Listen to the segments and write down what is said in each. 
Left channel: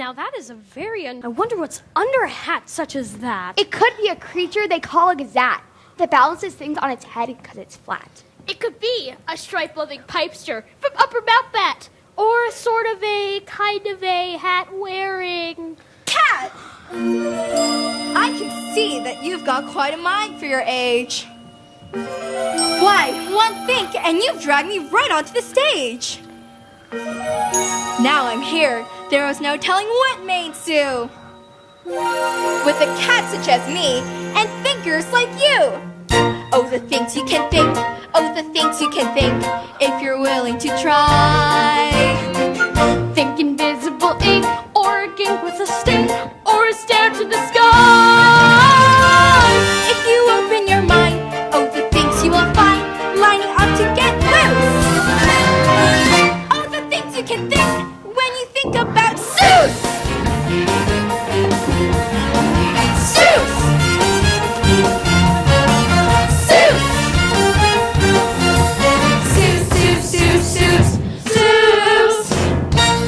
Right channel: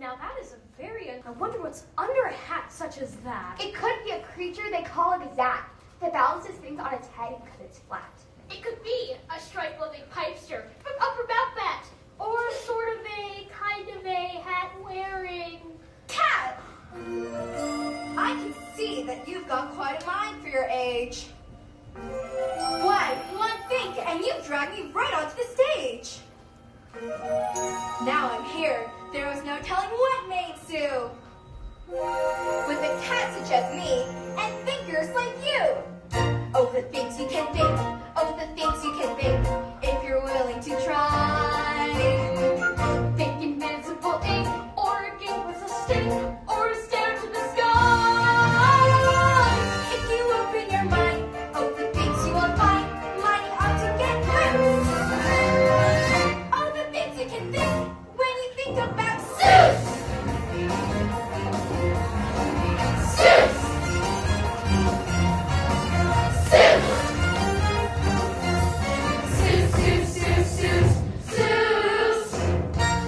Now that is a very I wonder what's under a hat such as that. It could be a creature they call a gazette that balances things on its head because it's flat. It could be a stripe-loving pipester from Upper Mount Bat, or sort of a kind of a hat-wearing cat. I can see that you've got quite a mind for your age. Why, one think and you've dragged me right onto the stage. Now I'm here, there was no telling what may ensue. With a cat such as me and thinkers like you. Oh, the things you can think, oh, the things you can think, if you're willing to try. think invisible ink, or a gink with a sting, or a stare to the sky. If you open your mind, oh, the things you will find lining up to get loose. Oh, the things you can think when you think about Seuss. Seuss. Seuss. Seuss, Seuss, Seuss, Seuss, Seuss.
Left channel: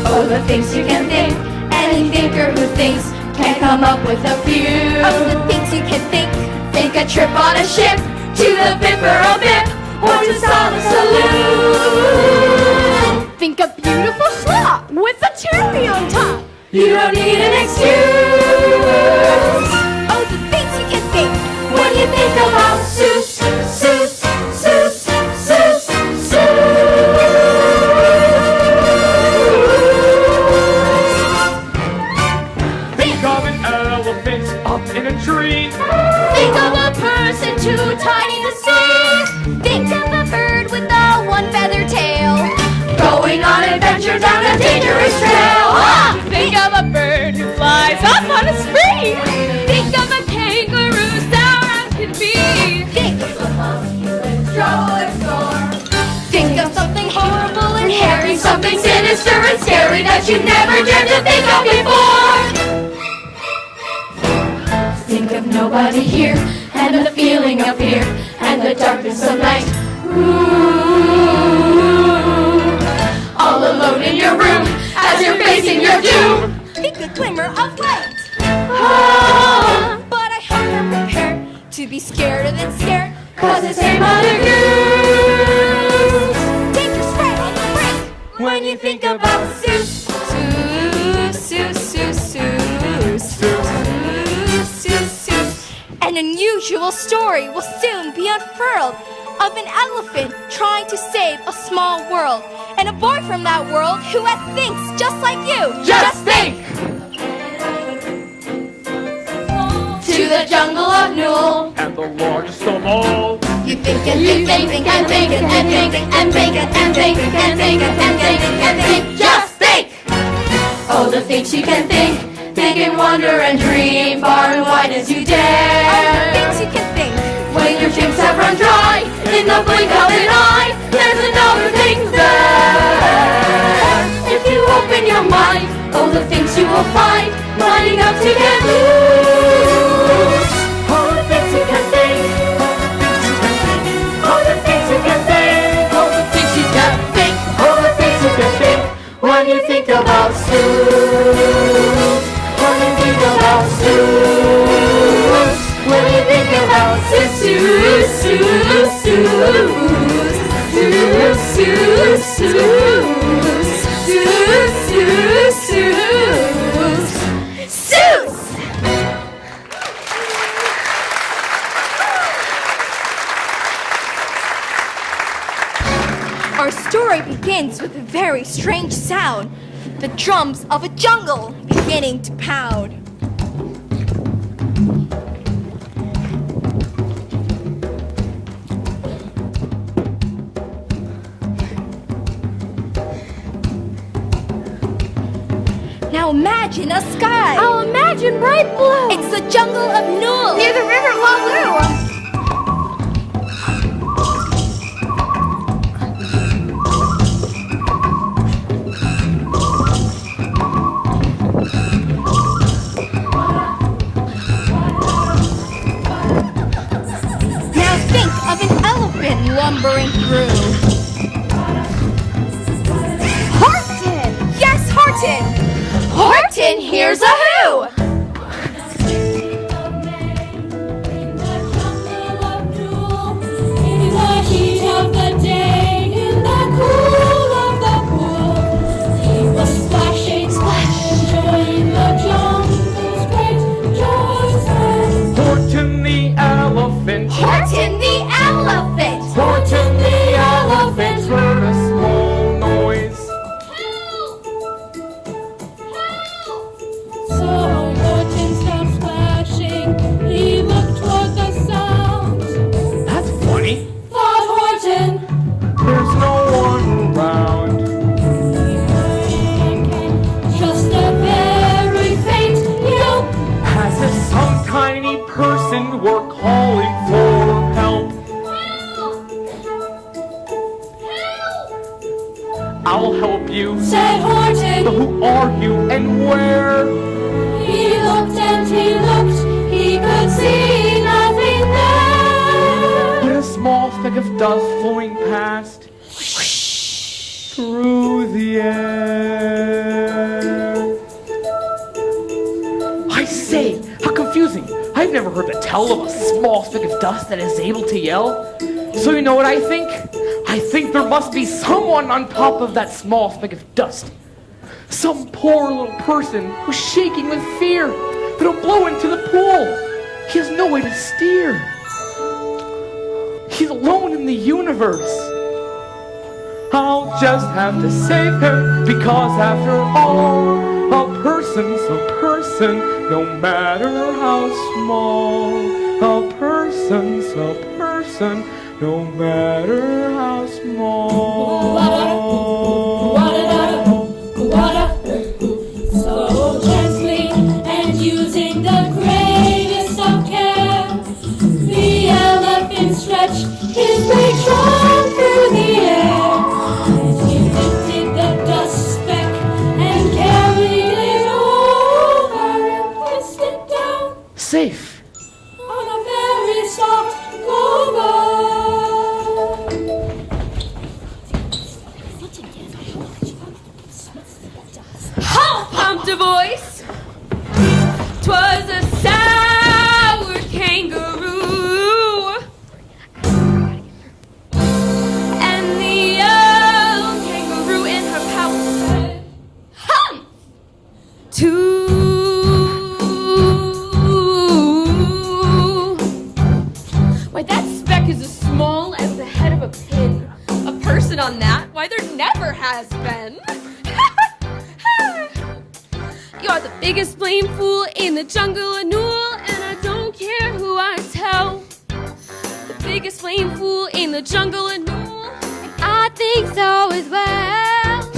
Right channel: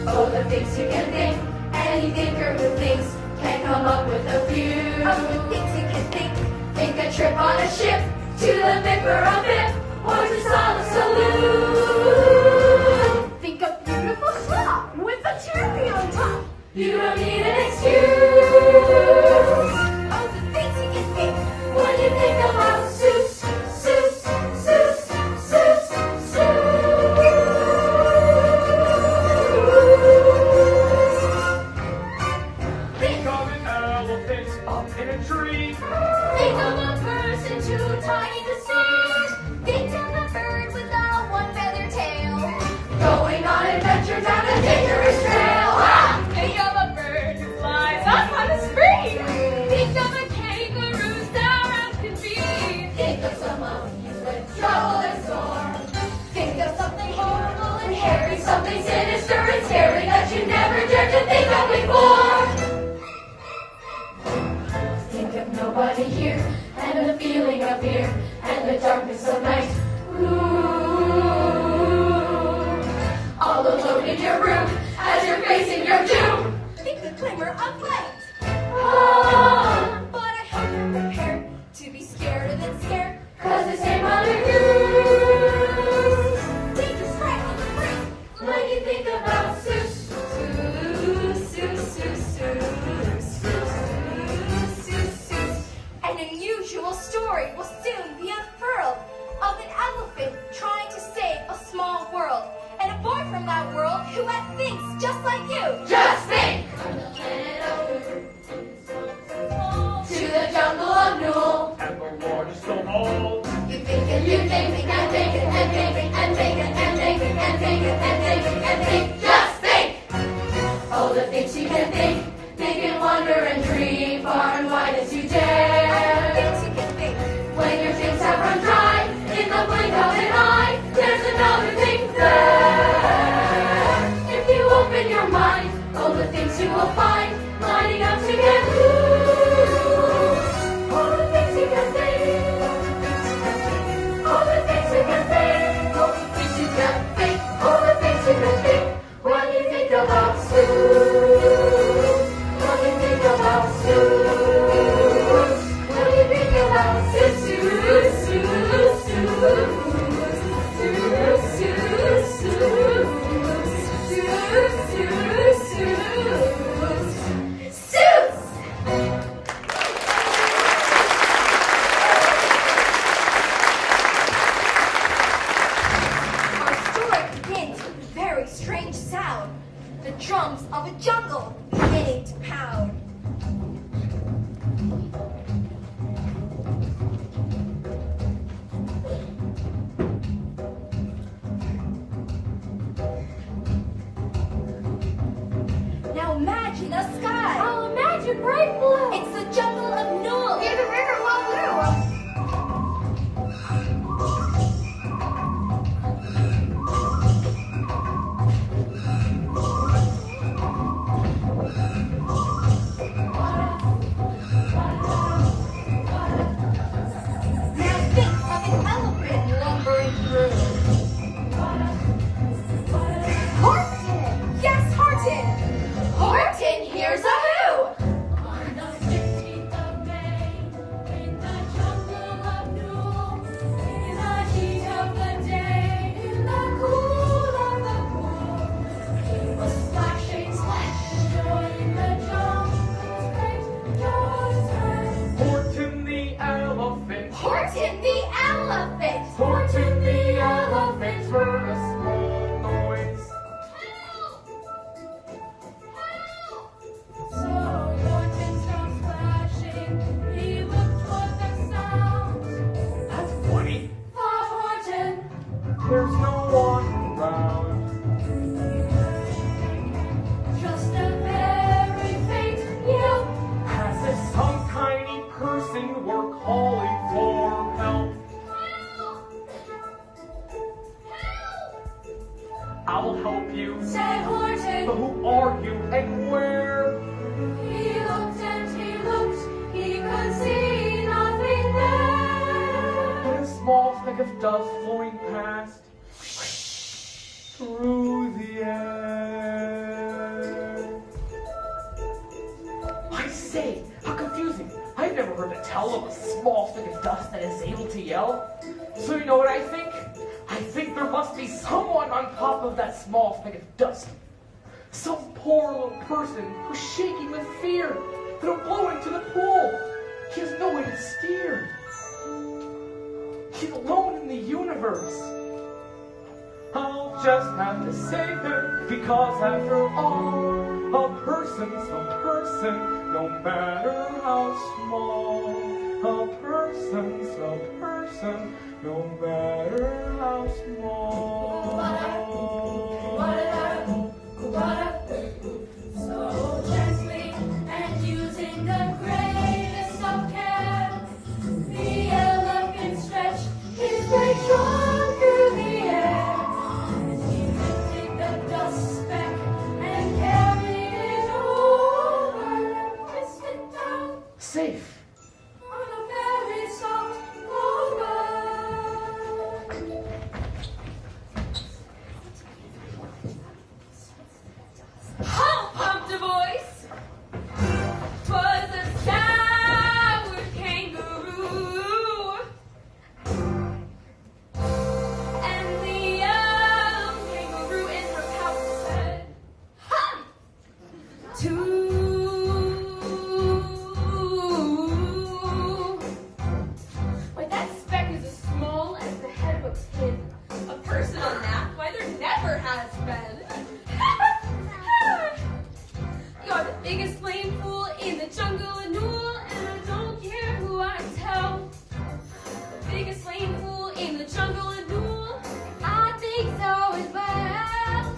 Oh, the things you can think. Any thinker who thinks can come up with a few. Oh, the things you can think. Think a trip on a ship to the Bipper Bip or to Sala Saloon. Think a beautiful slop with a cherry on top. You don't need an excuse. Oh, the things you can think when you think about Seuss, Seuss, Seuss, Seuss, Seuss. Think of an elephant up in a tree. Think of a person too tiny to see. Think of a bird with a one-feather tail, going on adventure down a dangerous trail. Ah! Think of a bird who flies up on a spree. Think of a kangaroo sour as can be. Think of a monkey with trouble or storm. Think of something horrible and hairy, something sinister and scary that you never dared to think of before. Think of nobody here, and the feeling of fear, and the darkness of night. Ooh, all alone in your room, as you're facing your doom. Think a glimmer of light. Ah, but I hope you're prepared to be scared than scared, 'cause it's a Mother Goose. Dangerous right on the brink when you think about Seuss. Seuss, Seuss, Seuss, Seuss, Seuss, Seuss, Seuss. An unusual story will soon be unfurled of an elephant trying to save a small world, and a boy from that world who thinks just like you. Just think! To the jungle of Newell. At the largest of all. You think and think and think and think and think and think and think and think and think and think. Just think! Oh, the things you can think. Think and wonder and dream far and wide as you dare. Oh, the things you can think. When your dreams have run dry, in the blink of an eye, there's another thing there. If you open your mind, oh, the things you will find lining up to get loose. Oh, the things you can think. Oh, the things you can think. Oh, the things you can think. Oh, the things you can think when you think about Seuss. When you think about Seuss. When you think about Seuss, Seuss, Seuss, Seuss, Seuss, Seuss, Seuss, Seuss, Seuss, Seuss. Our story begins with a very strange sound, the drums of a jungle beginning to pound. Now imagine a sky. I'll imagine bright blue. It's the jungle of Newell. Near the river Waloo. Now think of an elephant lumbering through. Horton! Yes, Horton! Horton here's a who. Horton the elephant. Horton the elephant. Horton the elephant heard a small noise. So Horton stopped splashing. He looked toward the sound. That's funny. Thought Horton, There's no one around. he heard again just a very faint yelp. As if some tiny person were calling for help. I'll help you. Said But Horton. who are you and where? He looked and he looked. He could see nothing there. But a small speck of dust flowing past through the air. I say, how confusing. I've never heard the tell of a small speck of dust that is able to yell. So you know what I think? I think there must be someone on top of that small speck of dust. Some poor little person who's shaking with fear that'll blow into the pool. He has no way to steer. He's alone in the universe. I'll just have to save him because after all, a person's a person, no matter how small. A person's a person, no matter how small. So gently and using the greatest of care, the elephant stretched his big trunk through the air. And he lifted the dust speck and carried it over and placed it down Safe. on a very soft clover. How pumped a voice? 'Twas a sour kangaroo. And the young kangaroo in her pouch said, "Hum! Why, that speck is as small as the head of a pin. A person on that? Why, there never has been." You're the biggest blame fool in the jungle of Newell, and I don't care who I tell. The biggest blame fool in the jungle of Newell, and I think so as well.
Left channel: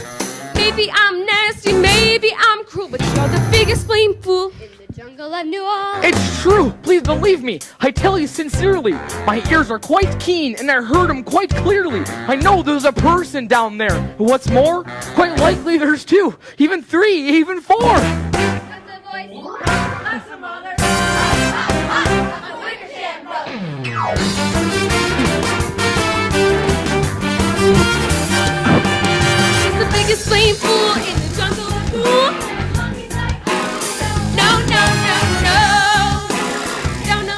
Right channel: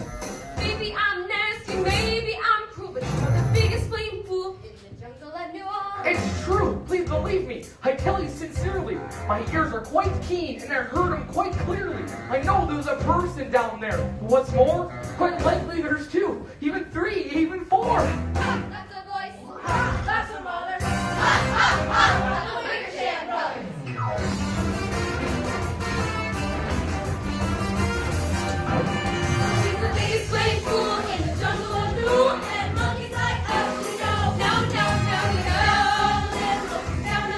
Maybe I'm nasty, maybe I'm cruel, but you're the biggest blame fool in the jungle of Newell. It's true, please believe me. I tell you sincerely. My ears are quite keen and I heard him quite clearly. I know there's a person down there. But what's more, quite likely there's two, even three, even four. He's the biggest blame fool in the jungle of Newell. No, no, no, no. No, no.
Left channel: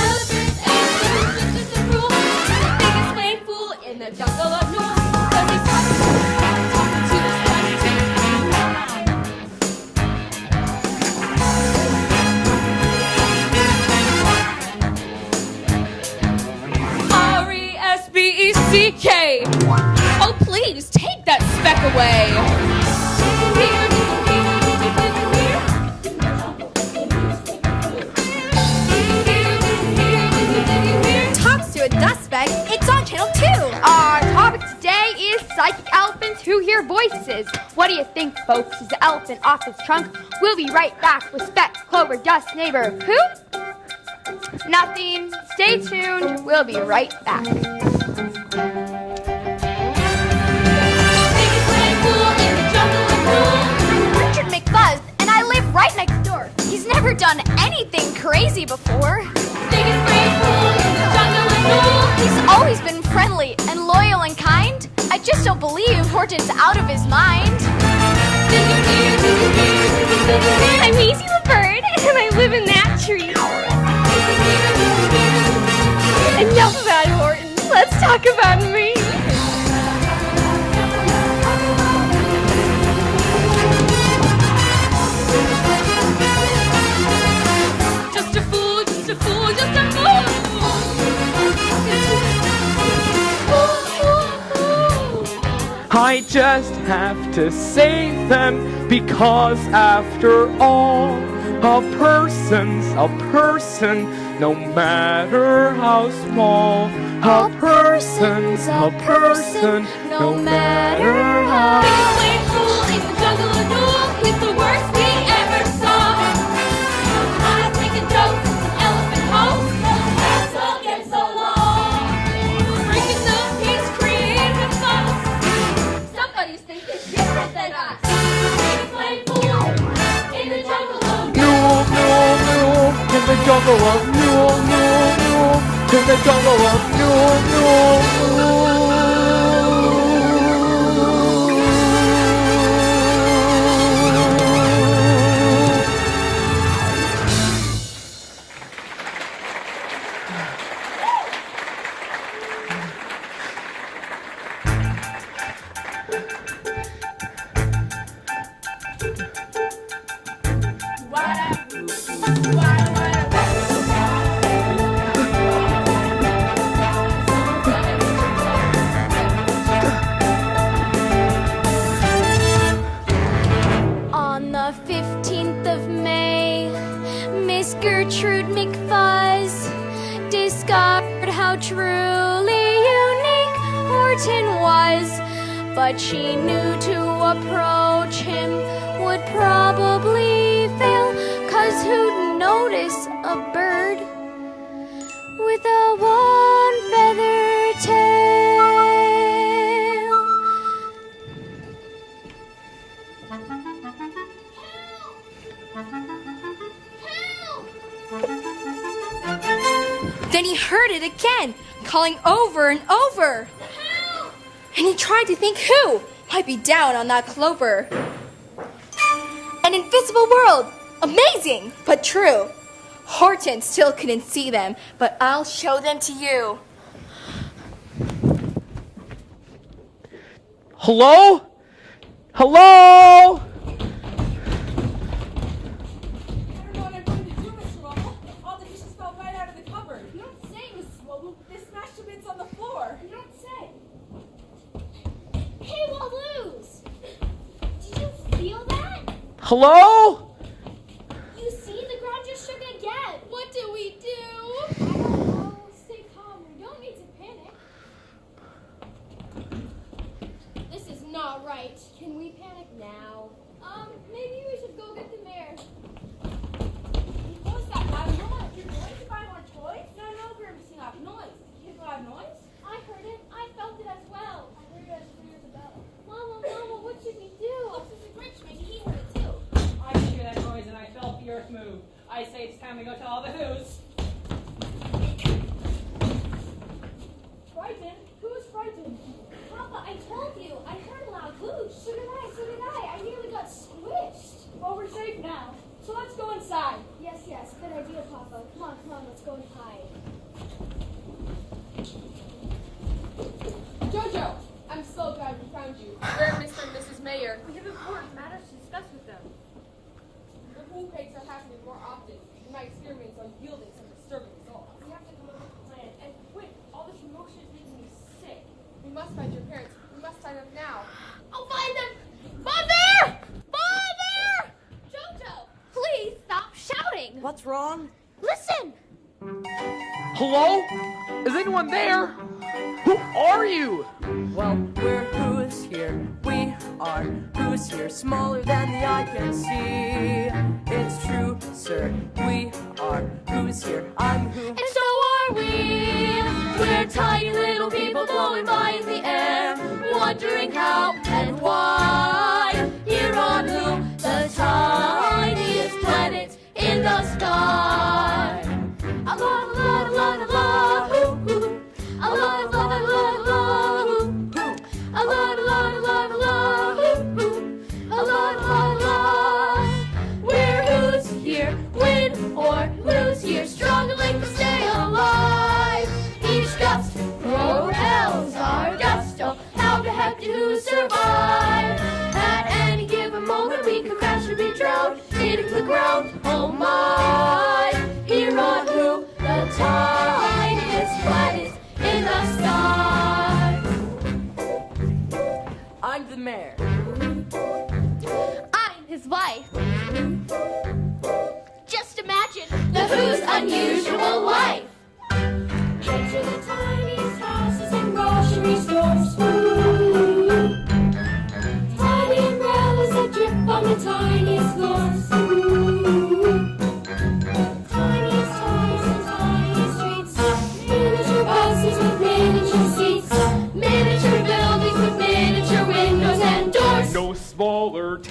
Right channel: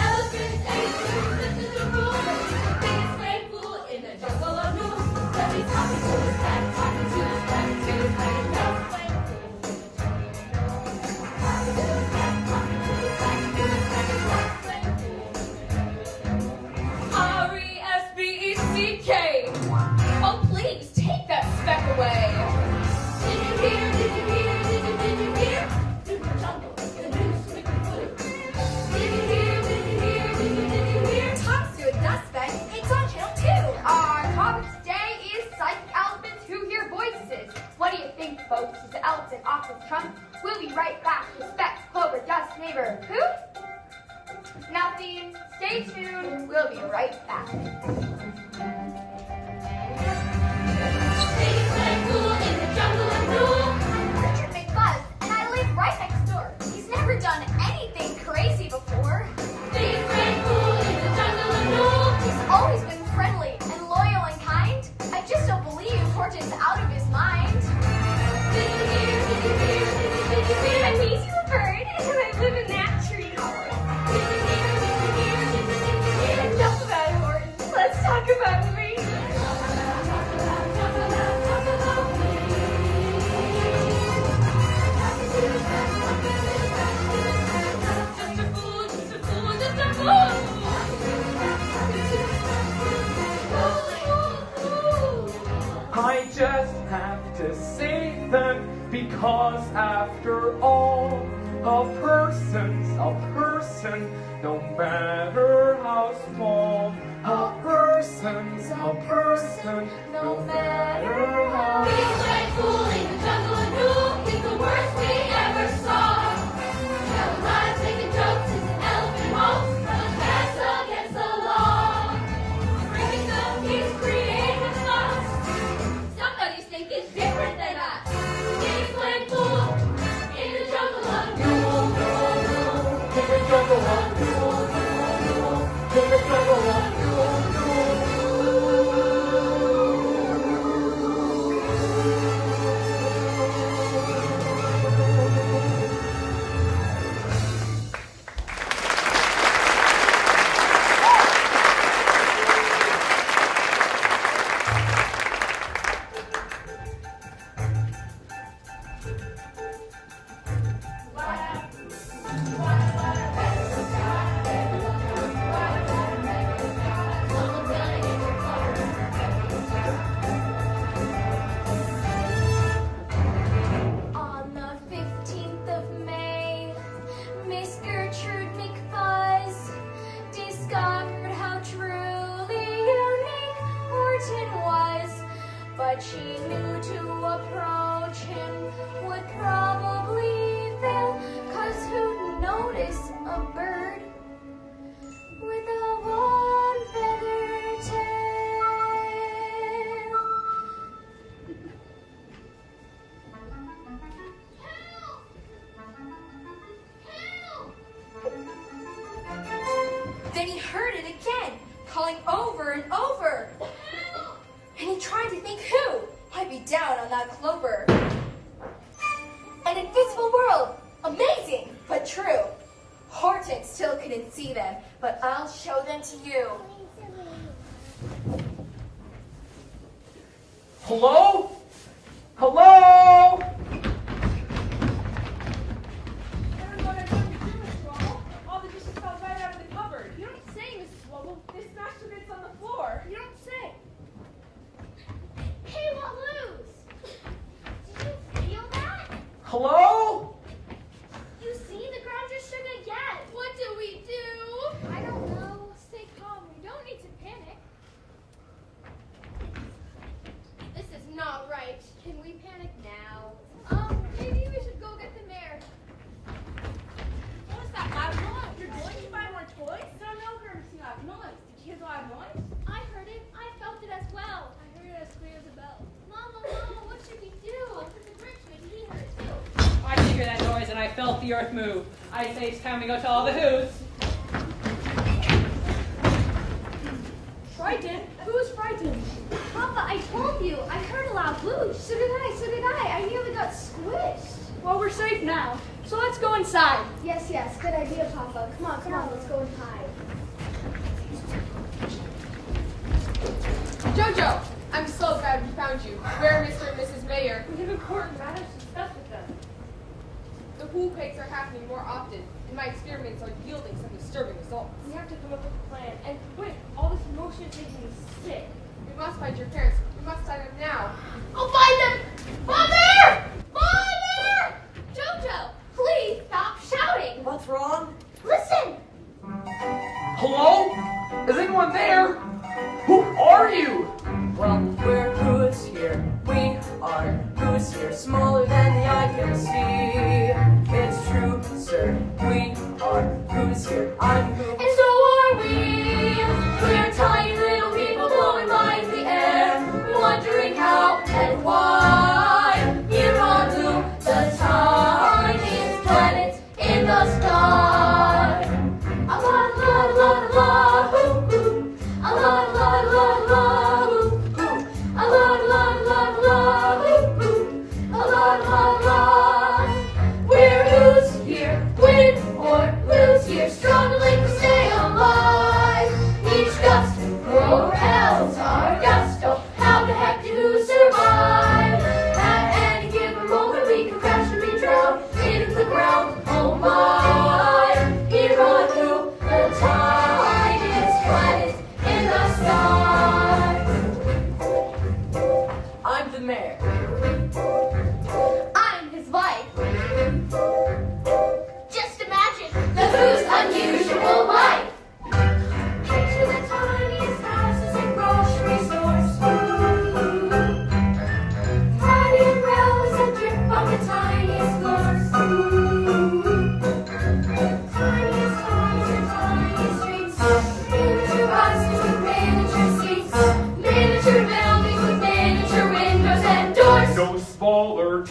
Elephant ain't just a rule. The biggest blame fool in the jungle of Newell. 'Cause he's talking to the sky, to the R-E-S-B-E-C-K. Oh, please, take that speck away. Talks to a dust speck. It's on channel 2. Our topic today is psychic elephants who hear voices. What do you think, folks? Is the elephant off his trunk? We'll be right back with Speck, Clover, Dust, Neighbor. Who? Nothing. Stay tuned. We'll be right back. Richard McFuzz, and I live right next door. He's never done anything crazy before. He's always been friendly and loyal and kind. I just don't believe Horton Horton's out of his mind. I'm Maisie the bird, and I live in that tree. Enough about Horton. Let's talk about me. Just a fool, just a fool, just a fool. I just have to save them because after all, a person's a person, no matter how small. A person's a person, no matter how. Biggest plant fool in the jungle of Nool. He's the worst we ever saw. I'm making jokes in some elephant holes. That's what gets so long. Breaking the peace, creating with us. Somebody's thinking different than us. Biggest plant fool in the jungle of Nool, Nool, Nool, in the jungle of Nool, Nool, Nool, in the jungle of Nool, Nool, On the 15th of May, Miss Gertrude McFuzz discovered how truly unique Horton was. But she knew to approach him would probably fail, 'cause who'd notice a bird with a one-feather tail? Then he heard it again, calling over and over. And he tried to think who might be down on that clover. An invisible world! Amazing, but true. Horton still couldn't see them, but I'll show them to you. Hello? Hello? Hello? You see, the ground just shook again. What did we do? I don't know. Stay calm. You don't need to panic. This is not right. Can we panic now? Maybe we should go get the mayor. What's that? Have noise? Your boys? You find more toys? No, we were missing out noise. Did you hear the noise? I heard it. I felt it as well. I heard it as clear as a bell. Mama, what should we do? This is Rich. Maybe he heard it too. I did hear that noise and I felt the earth move. I say it's time to go tell all the who's. Frightened? Who's frightened? Papa, I told you. I heard a loud whoosh. So did I. I nearly got squished. Well, we're safe now. So let's go inside. Yes. Good idea, Papa. Come on. Let's go inside. Jojo, I'm so glad we found you. Where are Mr. and Mrs. Mayor? We have important matters to discuss with them. The pool pigs are happening more often, and my experiments are yielding some disturbing results. We have to come up with a plan. And quick, all this motion is making me sick. We must find your parents. We must find them now. I'll find them! Father! Jojo, please stop shouting. What's wrong? Listen! Hello? Is anyone there? Who are you? Well, we're who's here. We are who's here. Smaller than the eye can see. It's true, sir. We are who's here. I'm who. And so are we. We're tiny little people blowing by in the air, wondering how and why. Here on Who, the tiniest planet in the sky. A la la la la, ooh, ooh. A la la la la, ooh, ooh. A la la la la.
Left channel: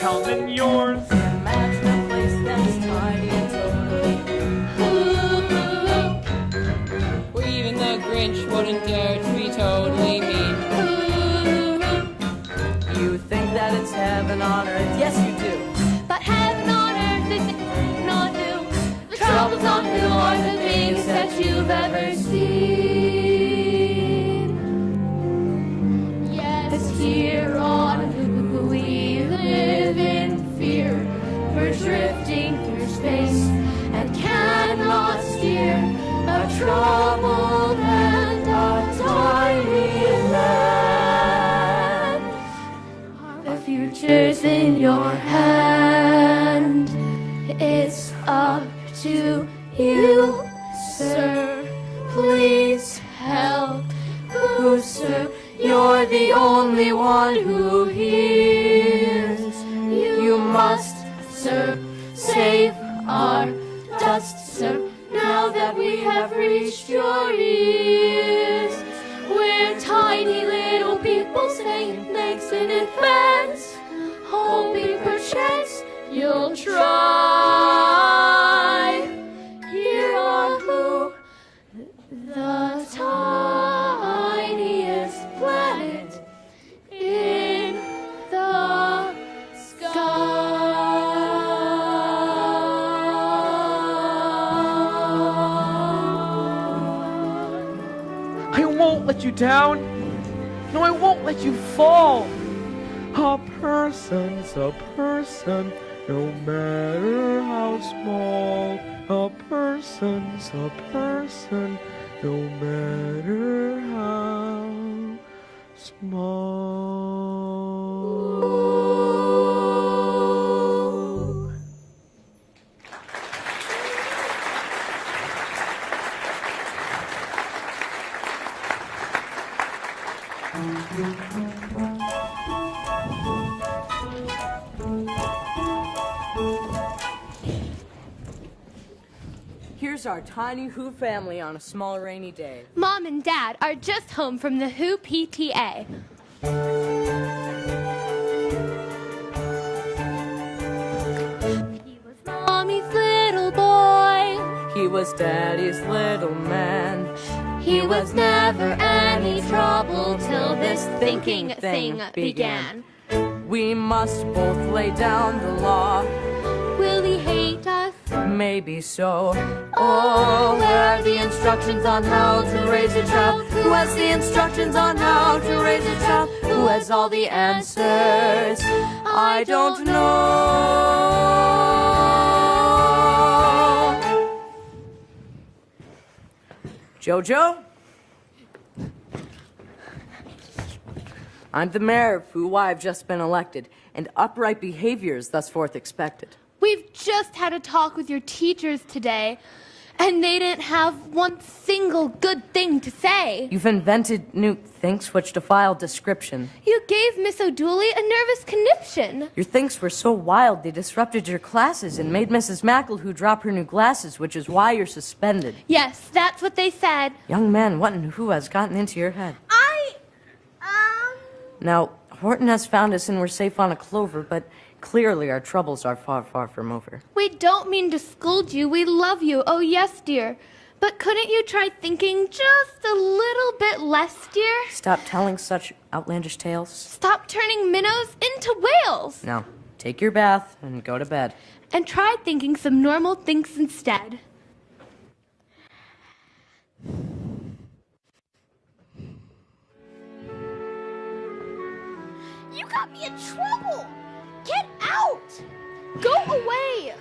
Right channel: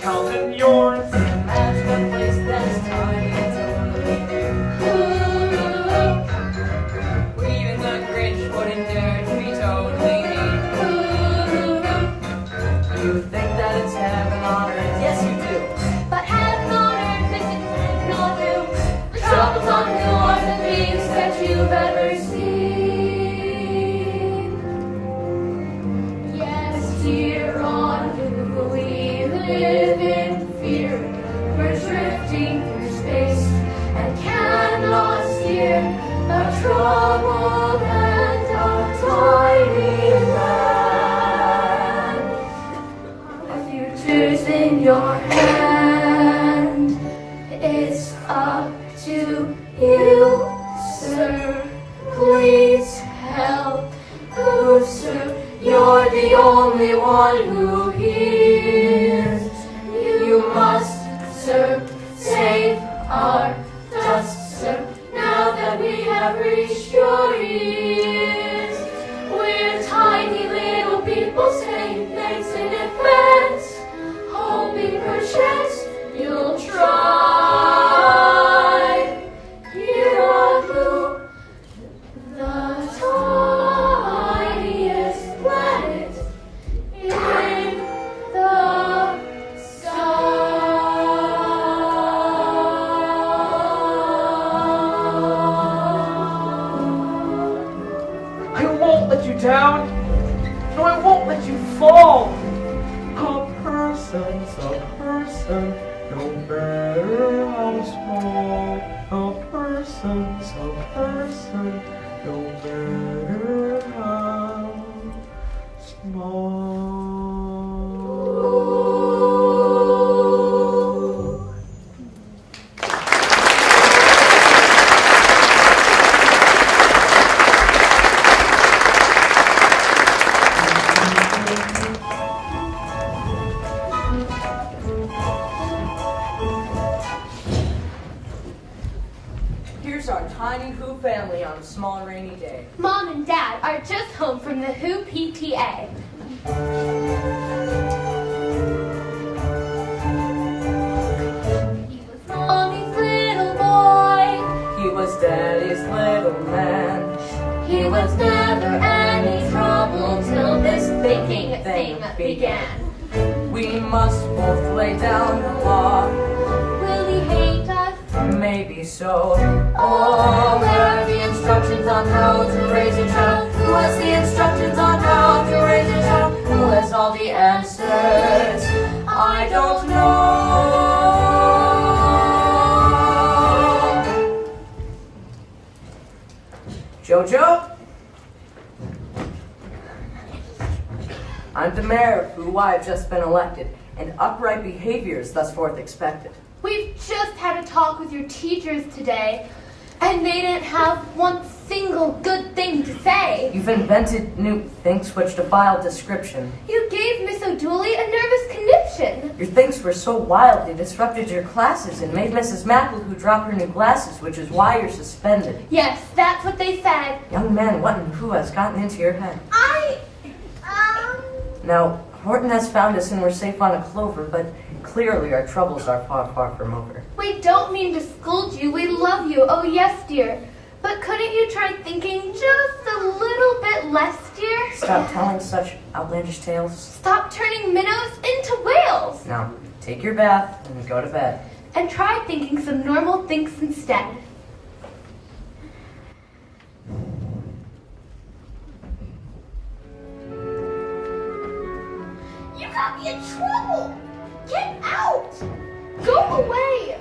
coming yours. Imagine a place that's tiny and totally Or even the Grinch wouldn't dare to be totally mean. You think that it's heaven on earth? Yes, you do. But heaven on earth is not new. The troubles on hill are the biggest that you've ever seen. Yes, here on Hulu we live in fear. We're drifting through space and cannot steer. A troubled and untidy land. The future's in your hand. It's up to you, sir. Please help. Who, sir? You're the only one who hears. You must, sir, save our dust, sir. Now that we have reached your ears, we're tiny little people saying thanks in advance, hoping perchance you'll try. Here on Blue, the tiniest planet in the I won't let you down. No, I won't let you fall. A person's a person, no matter how small. A person's a person, no matter how small. Here's our tiny Who family on a small rainy day. Mom and Dad are just home from the Who PTA. He was Mommy's little boy. He was Daddy's little man. He was never any trouble till this thinking thing began. We must both lay down the law. Will he hate us? Maybe so. Oh, where are the instructions on how to raise a child? Who has the instructions on how to raise a child? Who has all the answers? I don't know. Jojo? I'm the mayor of who I've just been elected, and upright behavior is thus forth expected. We've just had a talk with your teachers today, and they didn't have one single good thing to say. You've invented new things which defile description. You gave Miss O'Dooley a nervous conniption. Your things were so wild they disrupted your classes and made Mrs. McElhoo drop her new glasses, which is why you're suspended. Yes, that's what they said. Young man, what and who has gotten into your head? Now, Horton has found us and we're safe on a clover, but clearly our troubles are far, far from over. We don't mean to scold you. We love you. Oh, yes, dear. But couldn't you try thinking just a little bit less, dear? Stop telling such outlandish tales. Stop turning minnows into whales. Now, take your bath and go to bed. And try thinking some normal things instead. You got me in trouble. Get out. Go away.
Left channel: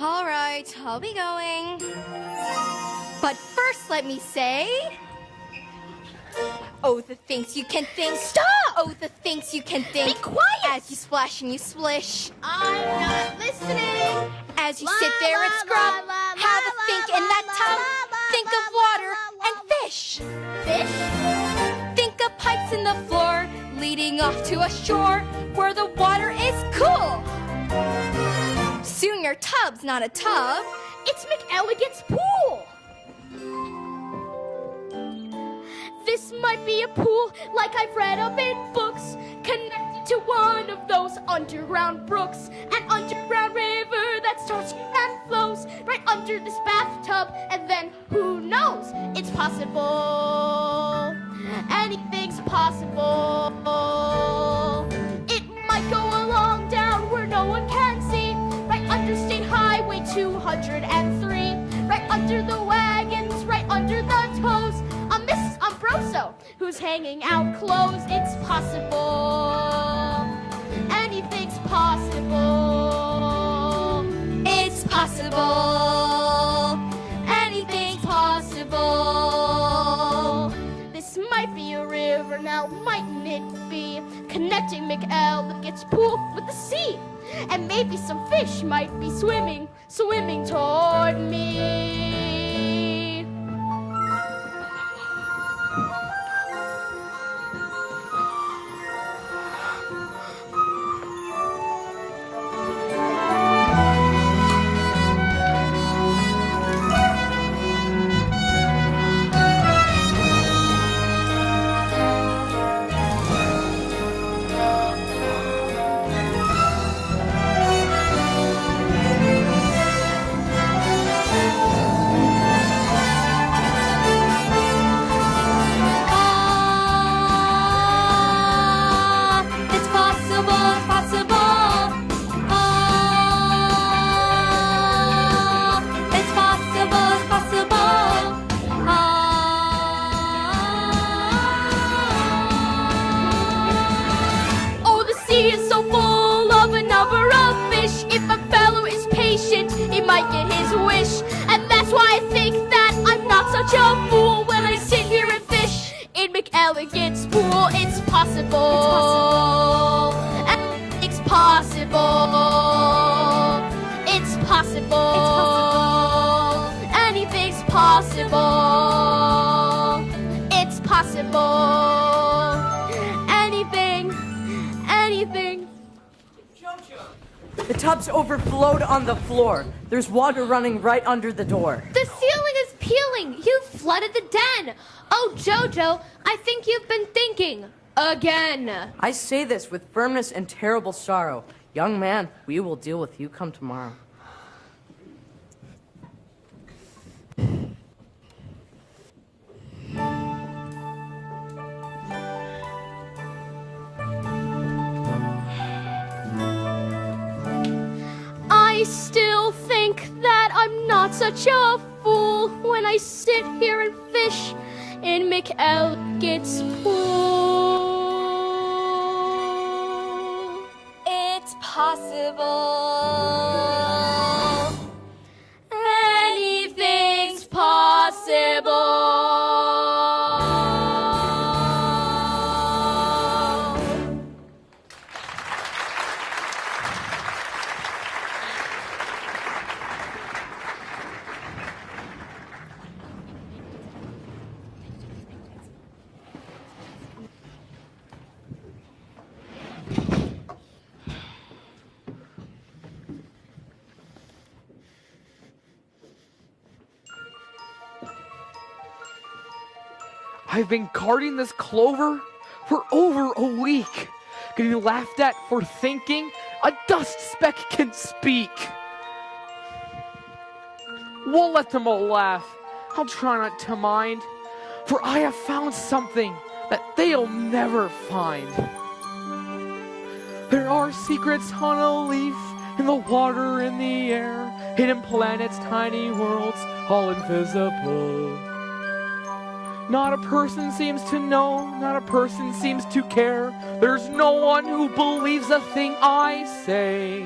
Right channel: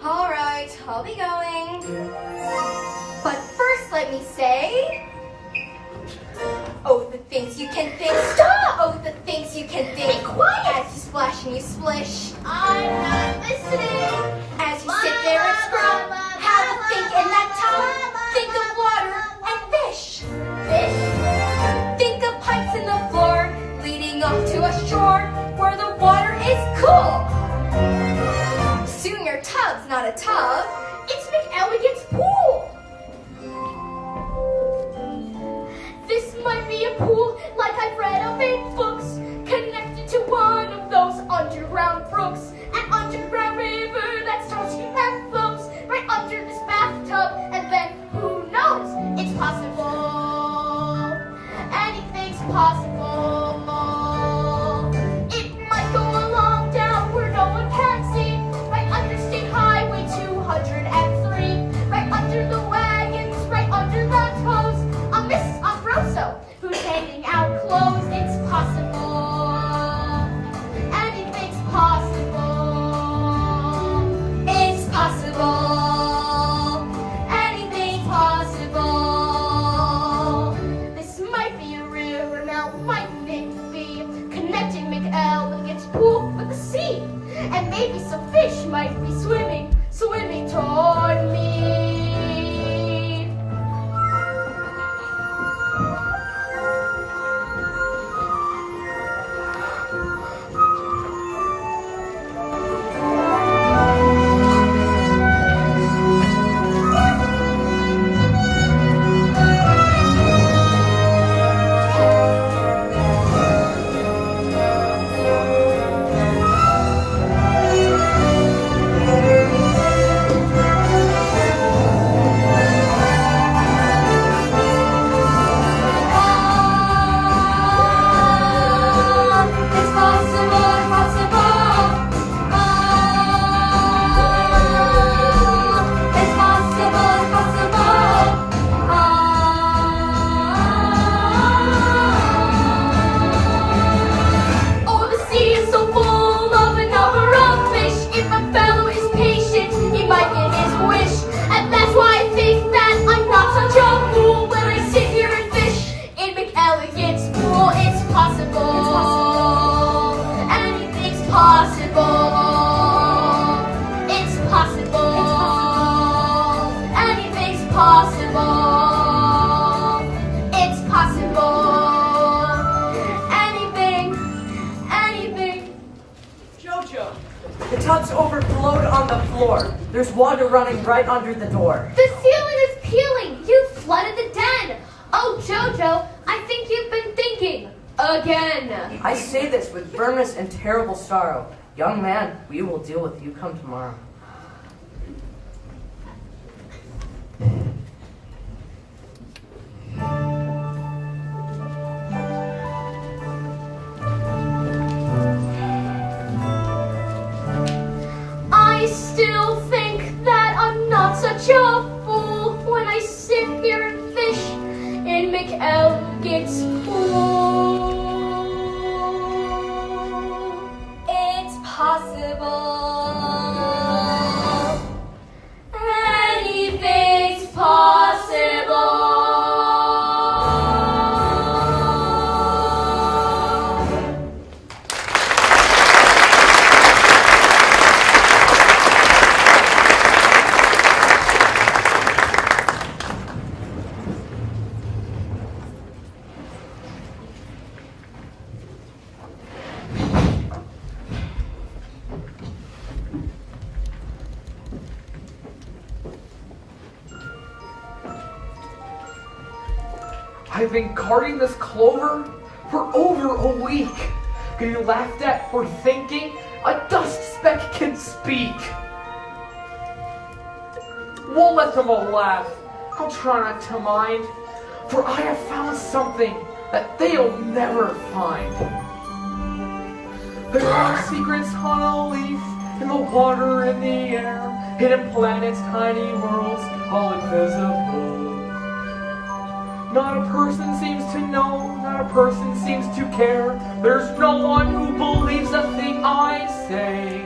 All right, I'll be going. But first, let me say, oh, the things you can think. Stop! Oh, the things you can think. Be quiet. As you splash and you splish. I'm not listening. As you sit there and scrub. Have a think in that tub. Think of water and fish. Fish. Think of pipes in the floor leading up to a shore where the water is cool. Soon your tub's not a tub. It's McElligot's pool. This might be a pool like I've read of in books, connected to one of those underground brooks. possible. It might go along down where no one can see, right under State Highway 203, right under the wagons, right under the toes of Mrs. Umbroso, who's hanging out clothes. It's possible. Anything's possible. It's possible. Anything's possible. This might be a river now, mightn't it be? Connecting McElligot's pool with the sea. And maybe some fish might be swimming toward me. The tub's overflowed on the floor. There's water running right under the door. The ceiling is peeling. You flooded the den. Oh, Jojo, I think you've been thinking. Again. I say this with firmness and terrible sorrow. Young man, we will deal with you come tomorrow. I still think that I'm not such a fool when I sit here and fish in McElligot's pool. It's possible. Anything's possible. I've been carting this clover for over a week. Getting laughed at for thinking a dust speck can speak. Won't let them all laugh. I'll try not to mind. For I have found something that they'll never find. There are secrets on a leaf, in the water, in the air, hidden planets, tiny worlds, all invisible. Not a person seems to know, not a person seems to care. There's no one who believes a thing I say.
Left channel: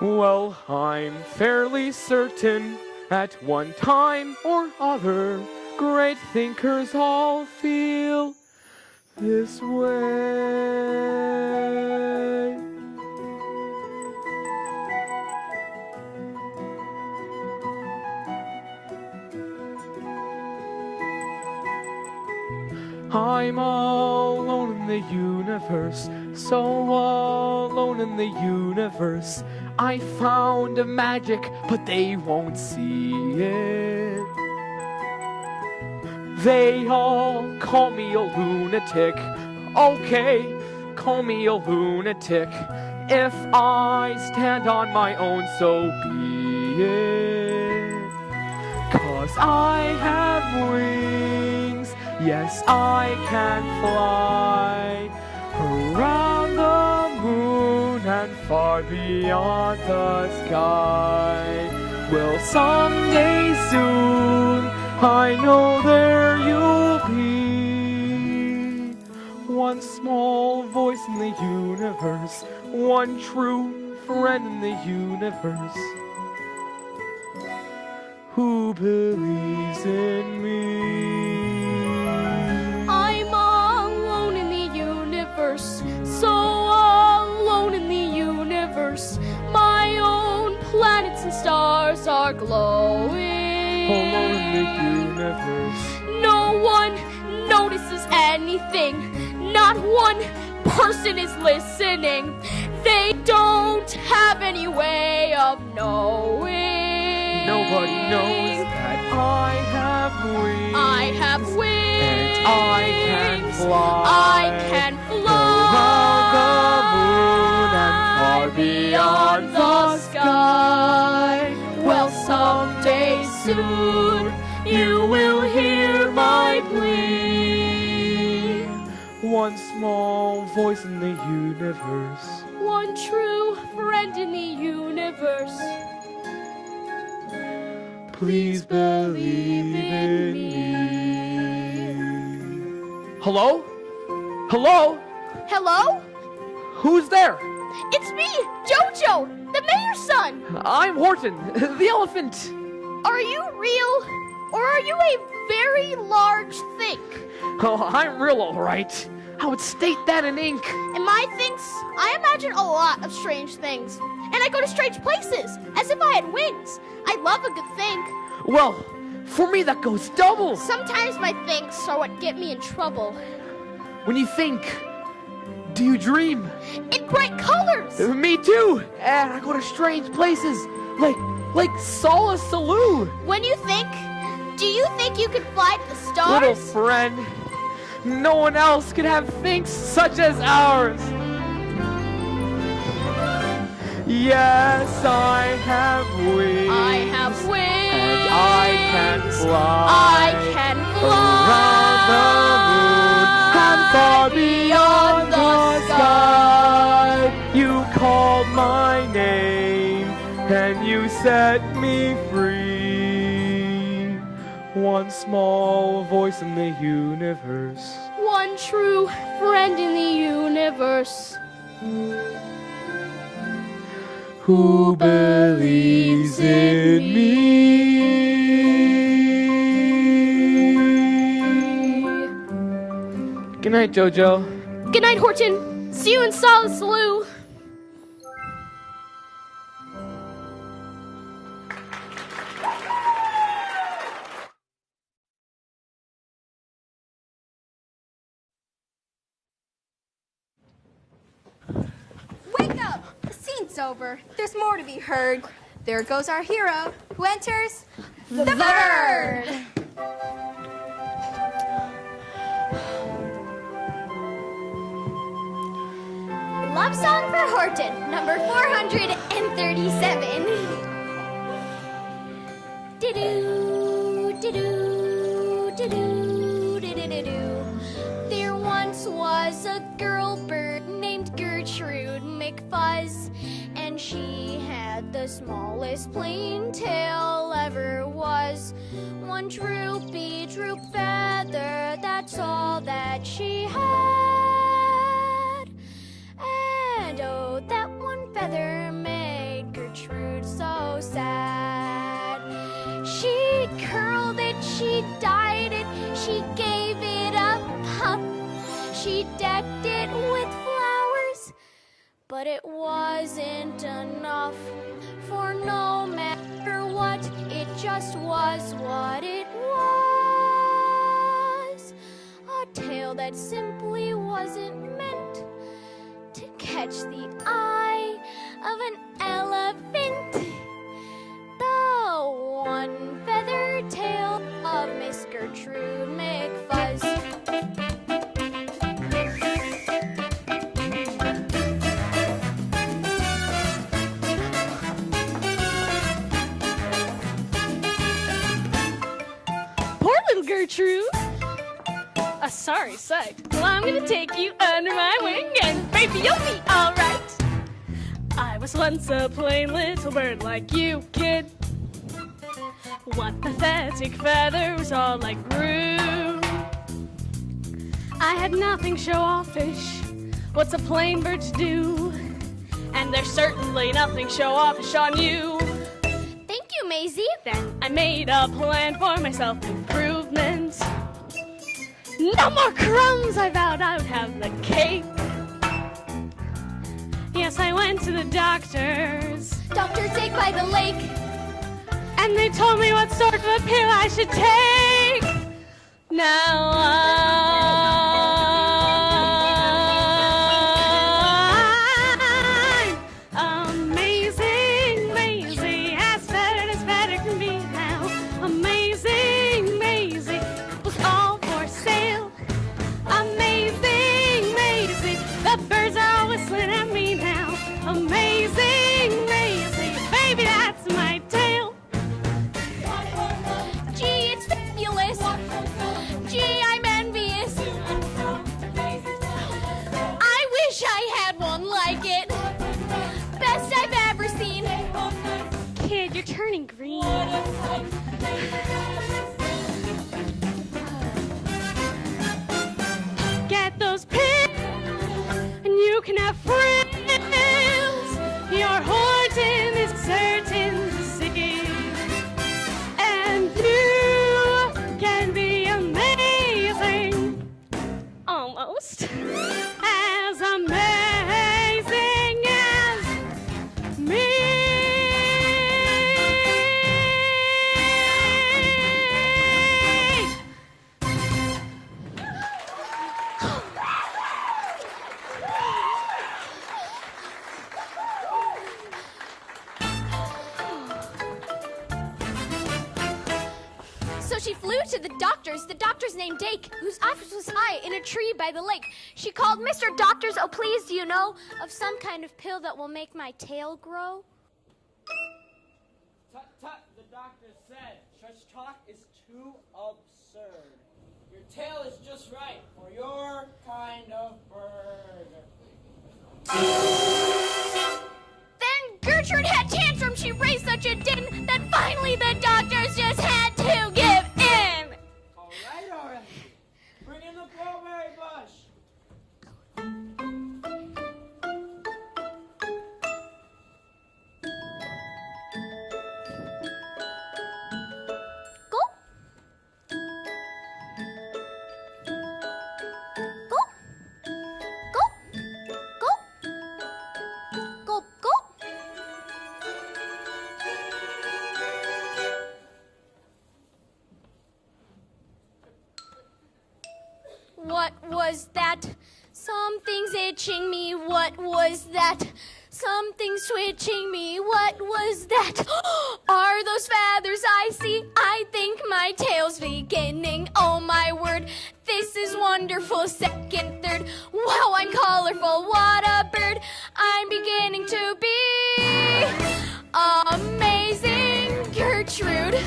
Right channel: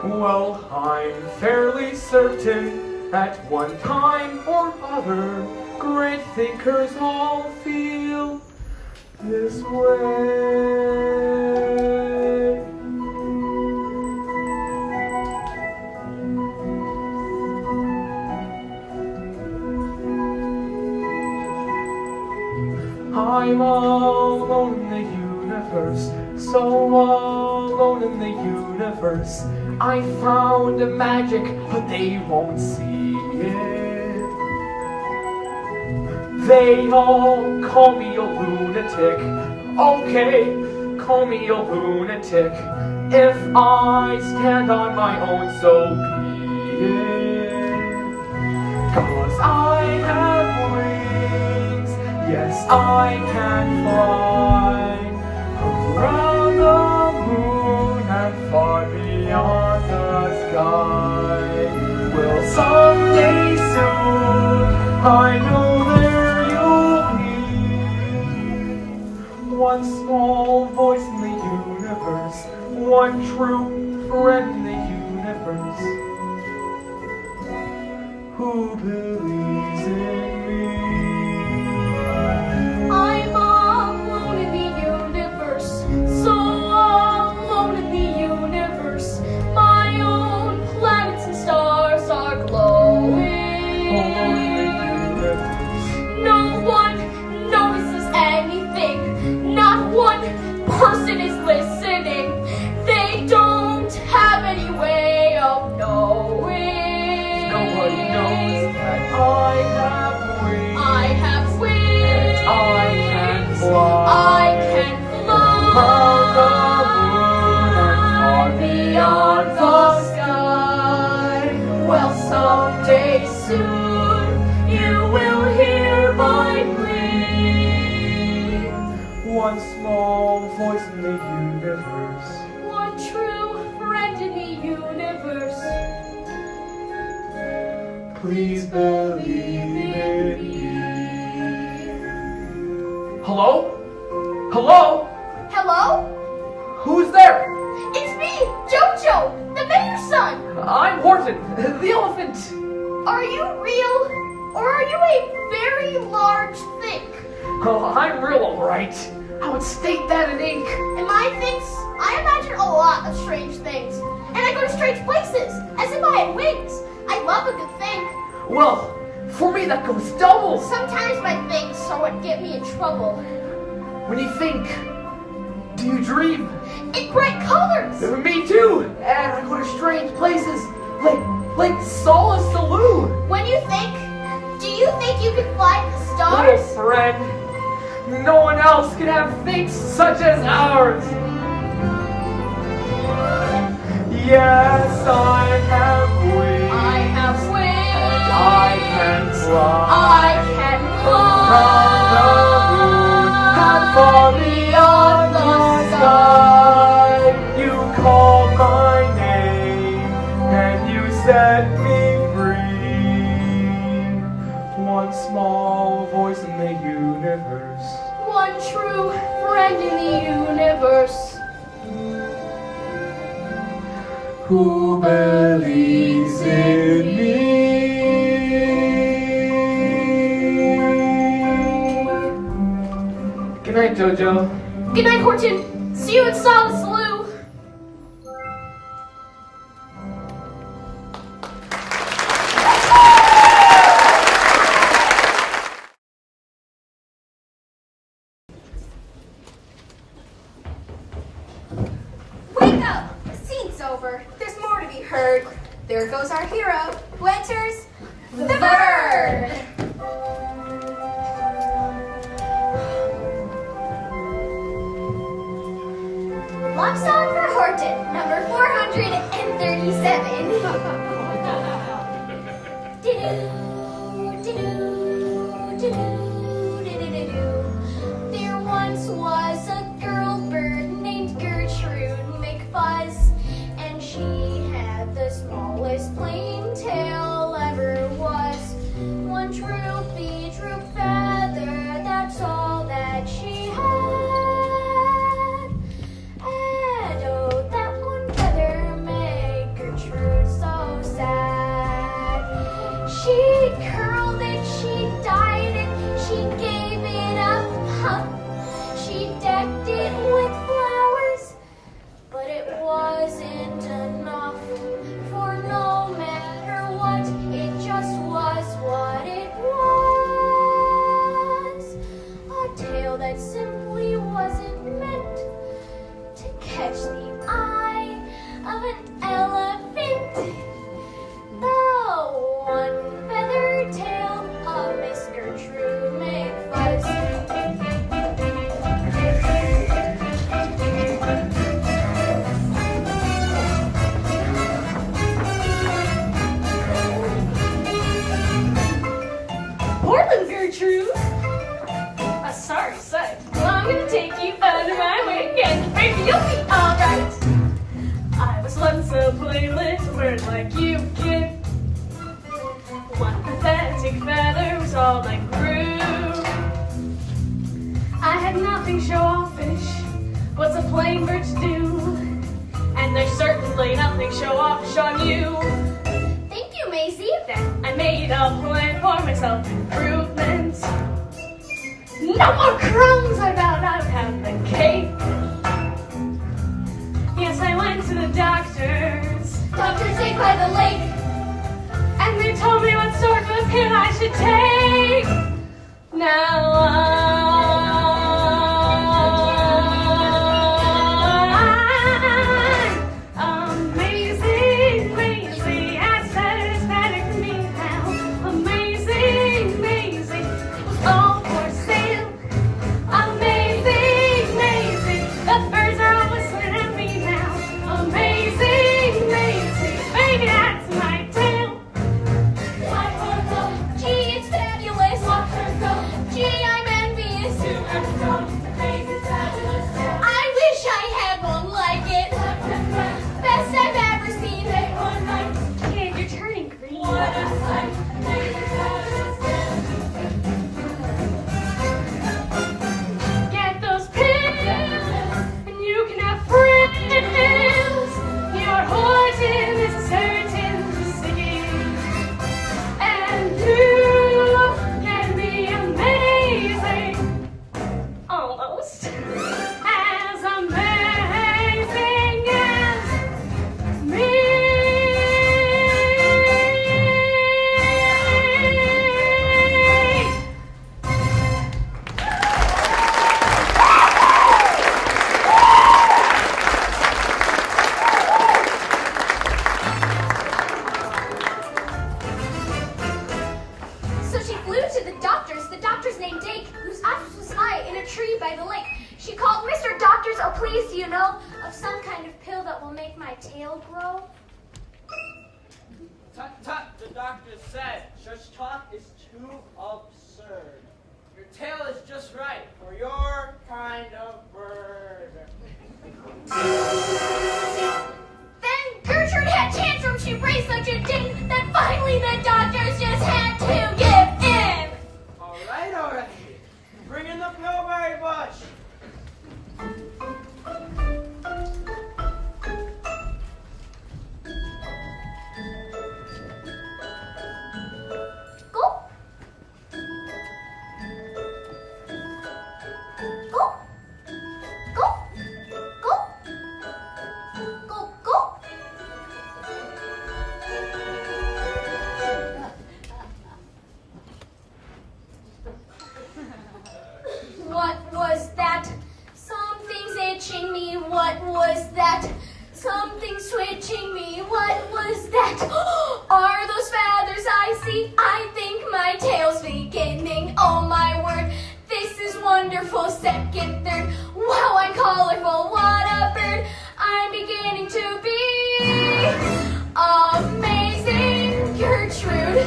Well, I'm fairly certain at one time or other, great thinkers all feel this way. I'm all alone in the universe, so all alone in the universe. I found a magic, but they won't see it. They all call me a lunatic. Okay, call me a lunatic. If I stand on my own, so be it. 'Cause I have wings. Yes, I can fly around the moon and far beyond the sky. Well, someday soon, I know there you'll be. One small voice in the universe, one true friend in the universe, who believes in me. I'm alone in the universe, so alone in the universe. My own planets and stars are glowing. Alone in the universe. No one notices anything. Not one person is listening. They don't have any way of knowing. Nobody knows that I have wings. I have wings. I can fly. I can Around the moon and far beyond the sky. Well, someday soon you will hear my plea. One small voice in the universe. One true friend in the universe. Please believe in me. Hello? Hello? Hello? Who's there? It's me, Jojo, the mayor's son. I'm Horton, the elephant. Are you real, or are you a very large thing? Oh, I'm real, all right. I would state that in ink. And my things, I imagine a lot of strange things. And I go to strange places, as if I had wings. I love a good thing. Well, for me that goes double. Sometimes my things are what get me in trouble. When you think, do you dream? In bright colors. Me too. And I go to strange places, like Solace Saloon. When you think, do you think you can fly to the Little stars? friend, no one else can have things such as ours. Yes, I have wings. I have wings. I can fly. I can How fly. far beyond the sky. You called my name and you set me free. One small voice in the universe. One true friend in the universe. Who believes in me? Good night, Jojo. Good night, Horton. See you in Solace Saloon. Wake up! The scene's over. There's more to be heard. There goes our hero, who enters the bird. Love song for Horton, number 437. Didoo, didoo, didoo, didoo. There once was a girl bird named Gertrude McFuzz, and she had the smallest plain tail ever was. One droopy droop feather, that's all that she had. And oh, that one feather made Gertrude so sad. She curled it, she dyed it, she gave it a puff. She decked it with flowers, but it wasn't enough. For no matter what, it just was what it was. A tale that simply wasn't meant to catch the eye of an elephant. The one feathered tail of Miss Gertrude McFuzz. Portland, Gertrude. sorry, say. Well, I'm gonna take you under my wing and baby, you'll be alright. I was once a playlet, a bird like you, kid. One pathetic feather was all I grew. I had nothing show offish. What's a plain bird to do? And there's certainly nothing show offish on you. Thank you, Maisie. Then I made a plan for my self-improvement. No more crumbs, I vowed I'd have the cake. Yes, I went to the doctors. Dr. Day by the lake. And they told me what sort of pill I should take. Now I'm amazing, Maisie. As better for me now. Amazing, Maisie. Was all for sale. Amazing, Maisie. The birds are all whistling at me now. Amazing, Maisie. Baby, that's my tale. Gee, it's fabulous. Gee, I'm envious. I wish I had one like it. Best I've ever seen. Kid, you're turning green. Get those pills, and you can have friends. Your Horton is certain to sing, and you can be amazing, almost as amazing as me. So she flew to the doctor's named Dake, whose office was high in a tree by the lake. She called, Mr. Doctors, oh please, do you know of some kind of pill that will make my tail grow? Tut tut, the doctor said. Shush talk is too absurd. Your tail is just right for your kind of bird. Then Gertrude had tantrum. She raised such a din that finally the doctors just had to give in. All right. Bring in the pillberry bush. Go. Go. Go. Go. Go. Go. What was that? Something's itching me. What was that? Something's twitching me. What was that? Are those feathers I see? I think my tail's beginning. Oh my word, this is wonderful. Second, third, wow, I'm colorful. What a bird. I'm beginning to be amazing, Gertrude.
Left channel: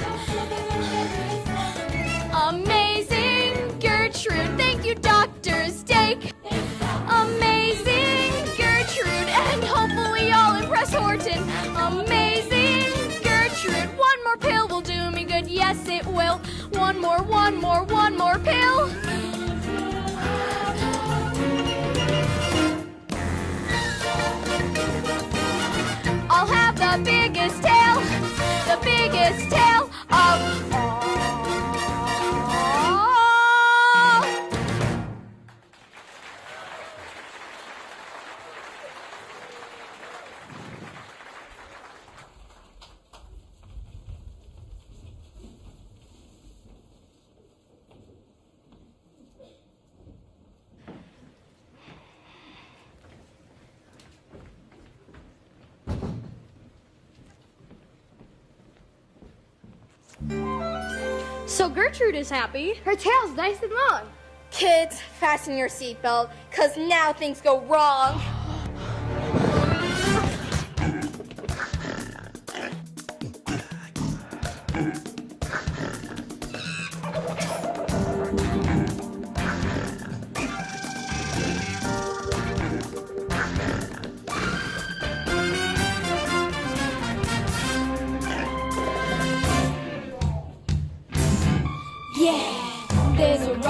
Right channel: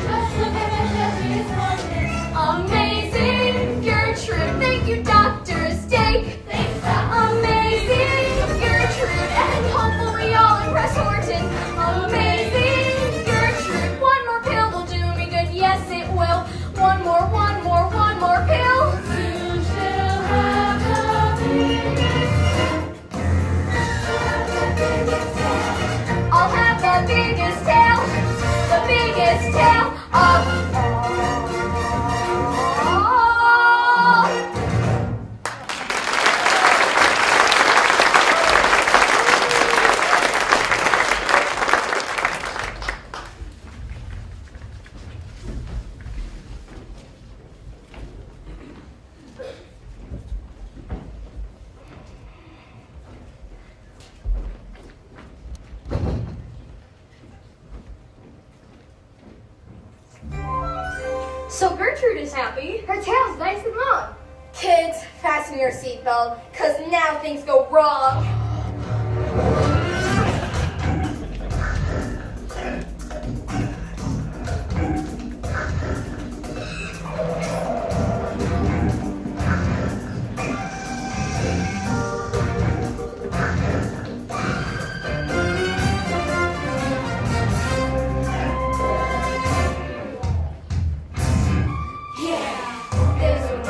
Amazing, Gertrude. Thank you, Dr. Steak. Amazing, Gertrude. And hopefully I'll impress Horton. Amazing, Gertrude. One more pill will do me good. Yes, it will. One more pill. I'll have the biggest tail of all. So Gertrude is happy. Her tail's nice and long. Kids, fasten your seatbelt, cause now things go wrong.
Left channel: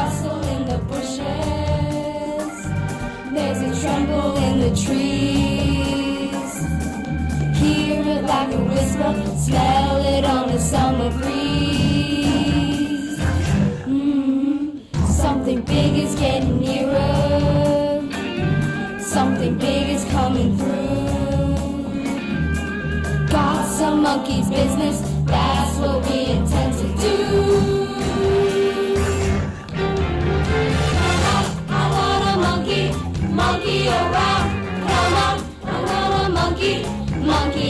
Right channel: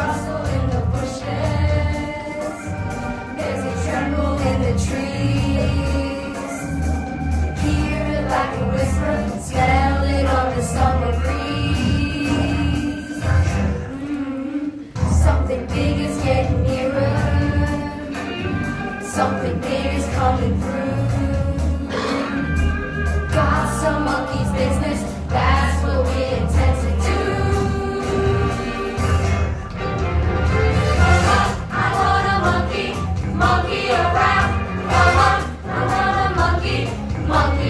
rustle in the bushes. There's a tremble in the trees. Hear it like a whisper, smell it on the summer breeze. Something big is getting nearer. Something big is coming through. Got some monkey's business, that's what we intend to do. I want a monkey around. Come on, I want a monkey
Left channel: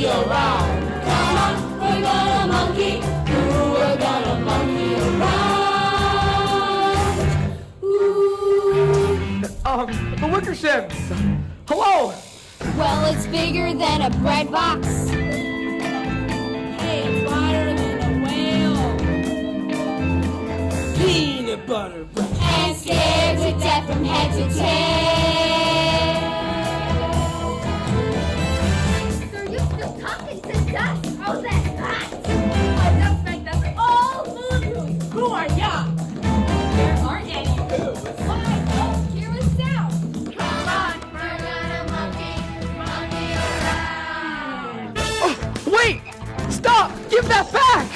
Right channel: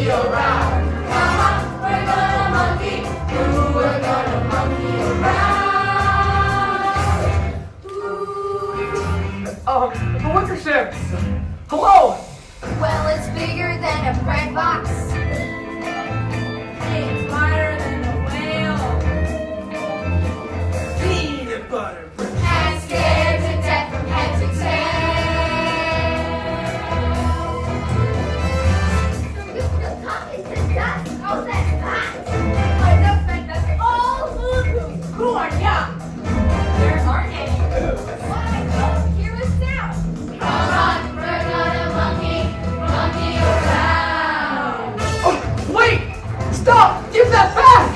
around. Come on, we're gonna monkey, ooh, we're gonna monkey around. The liquor ship. Hello. Well, it's bigger than a bread box. Hey, it's wider than a whale. Peanut butter. And scared to death from head to Who are ya? Here's our name. Hear us now. Come on, we're gonna monkey around. Oh, wait! Stop! Give that back!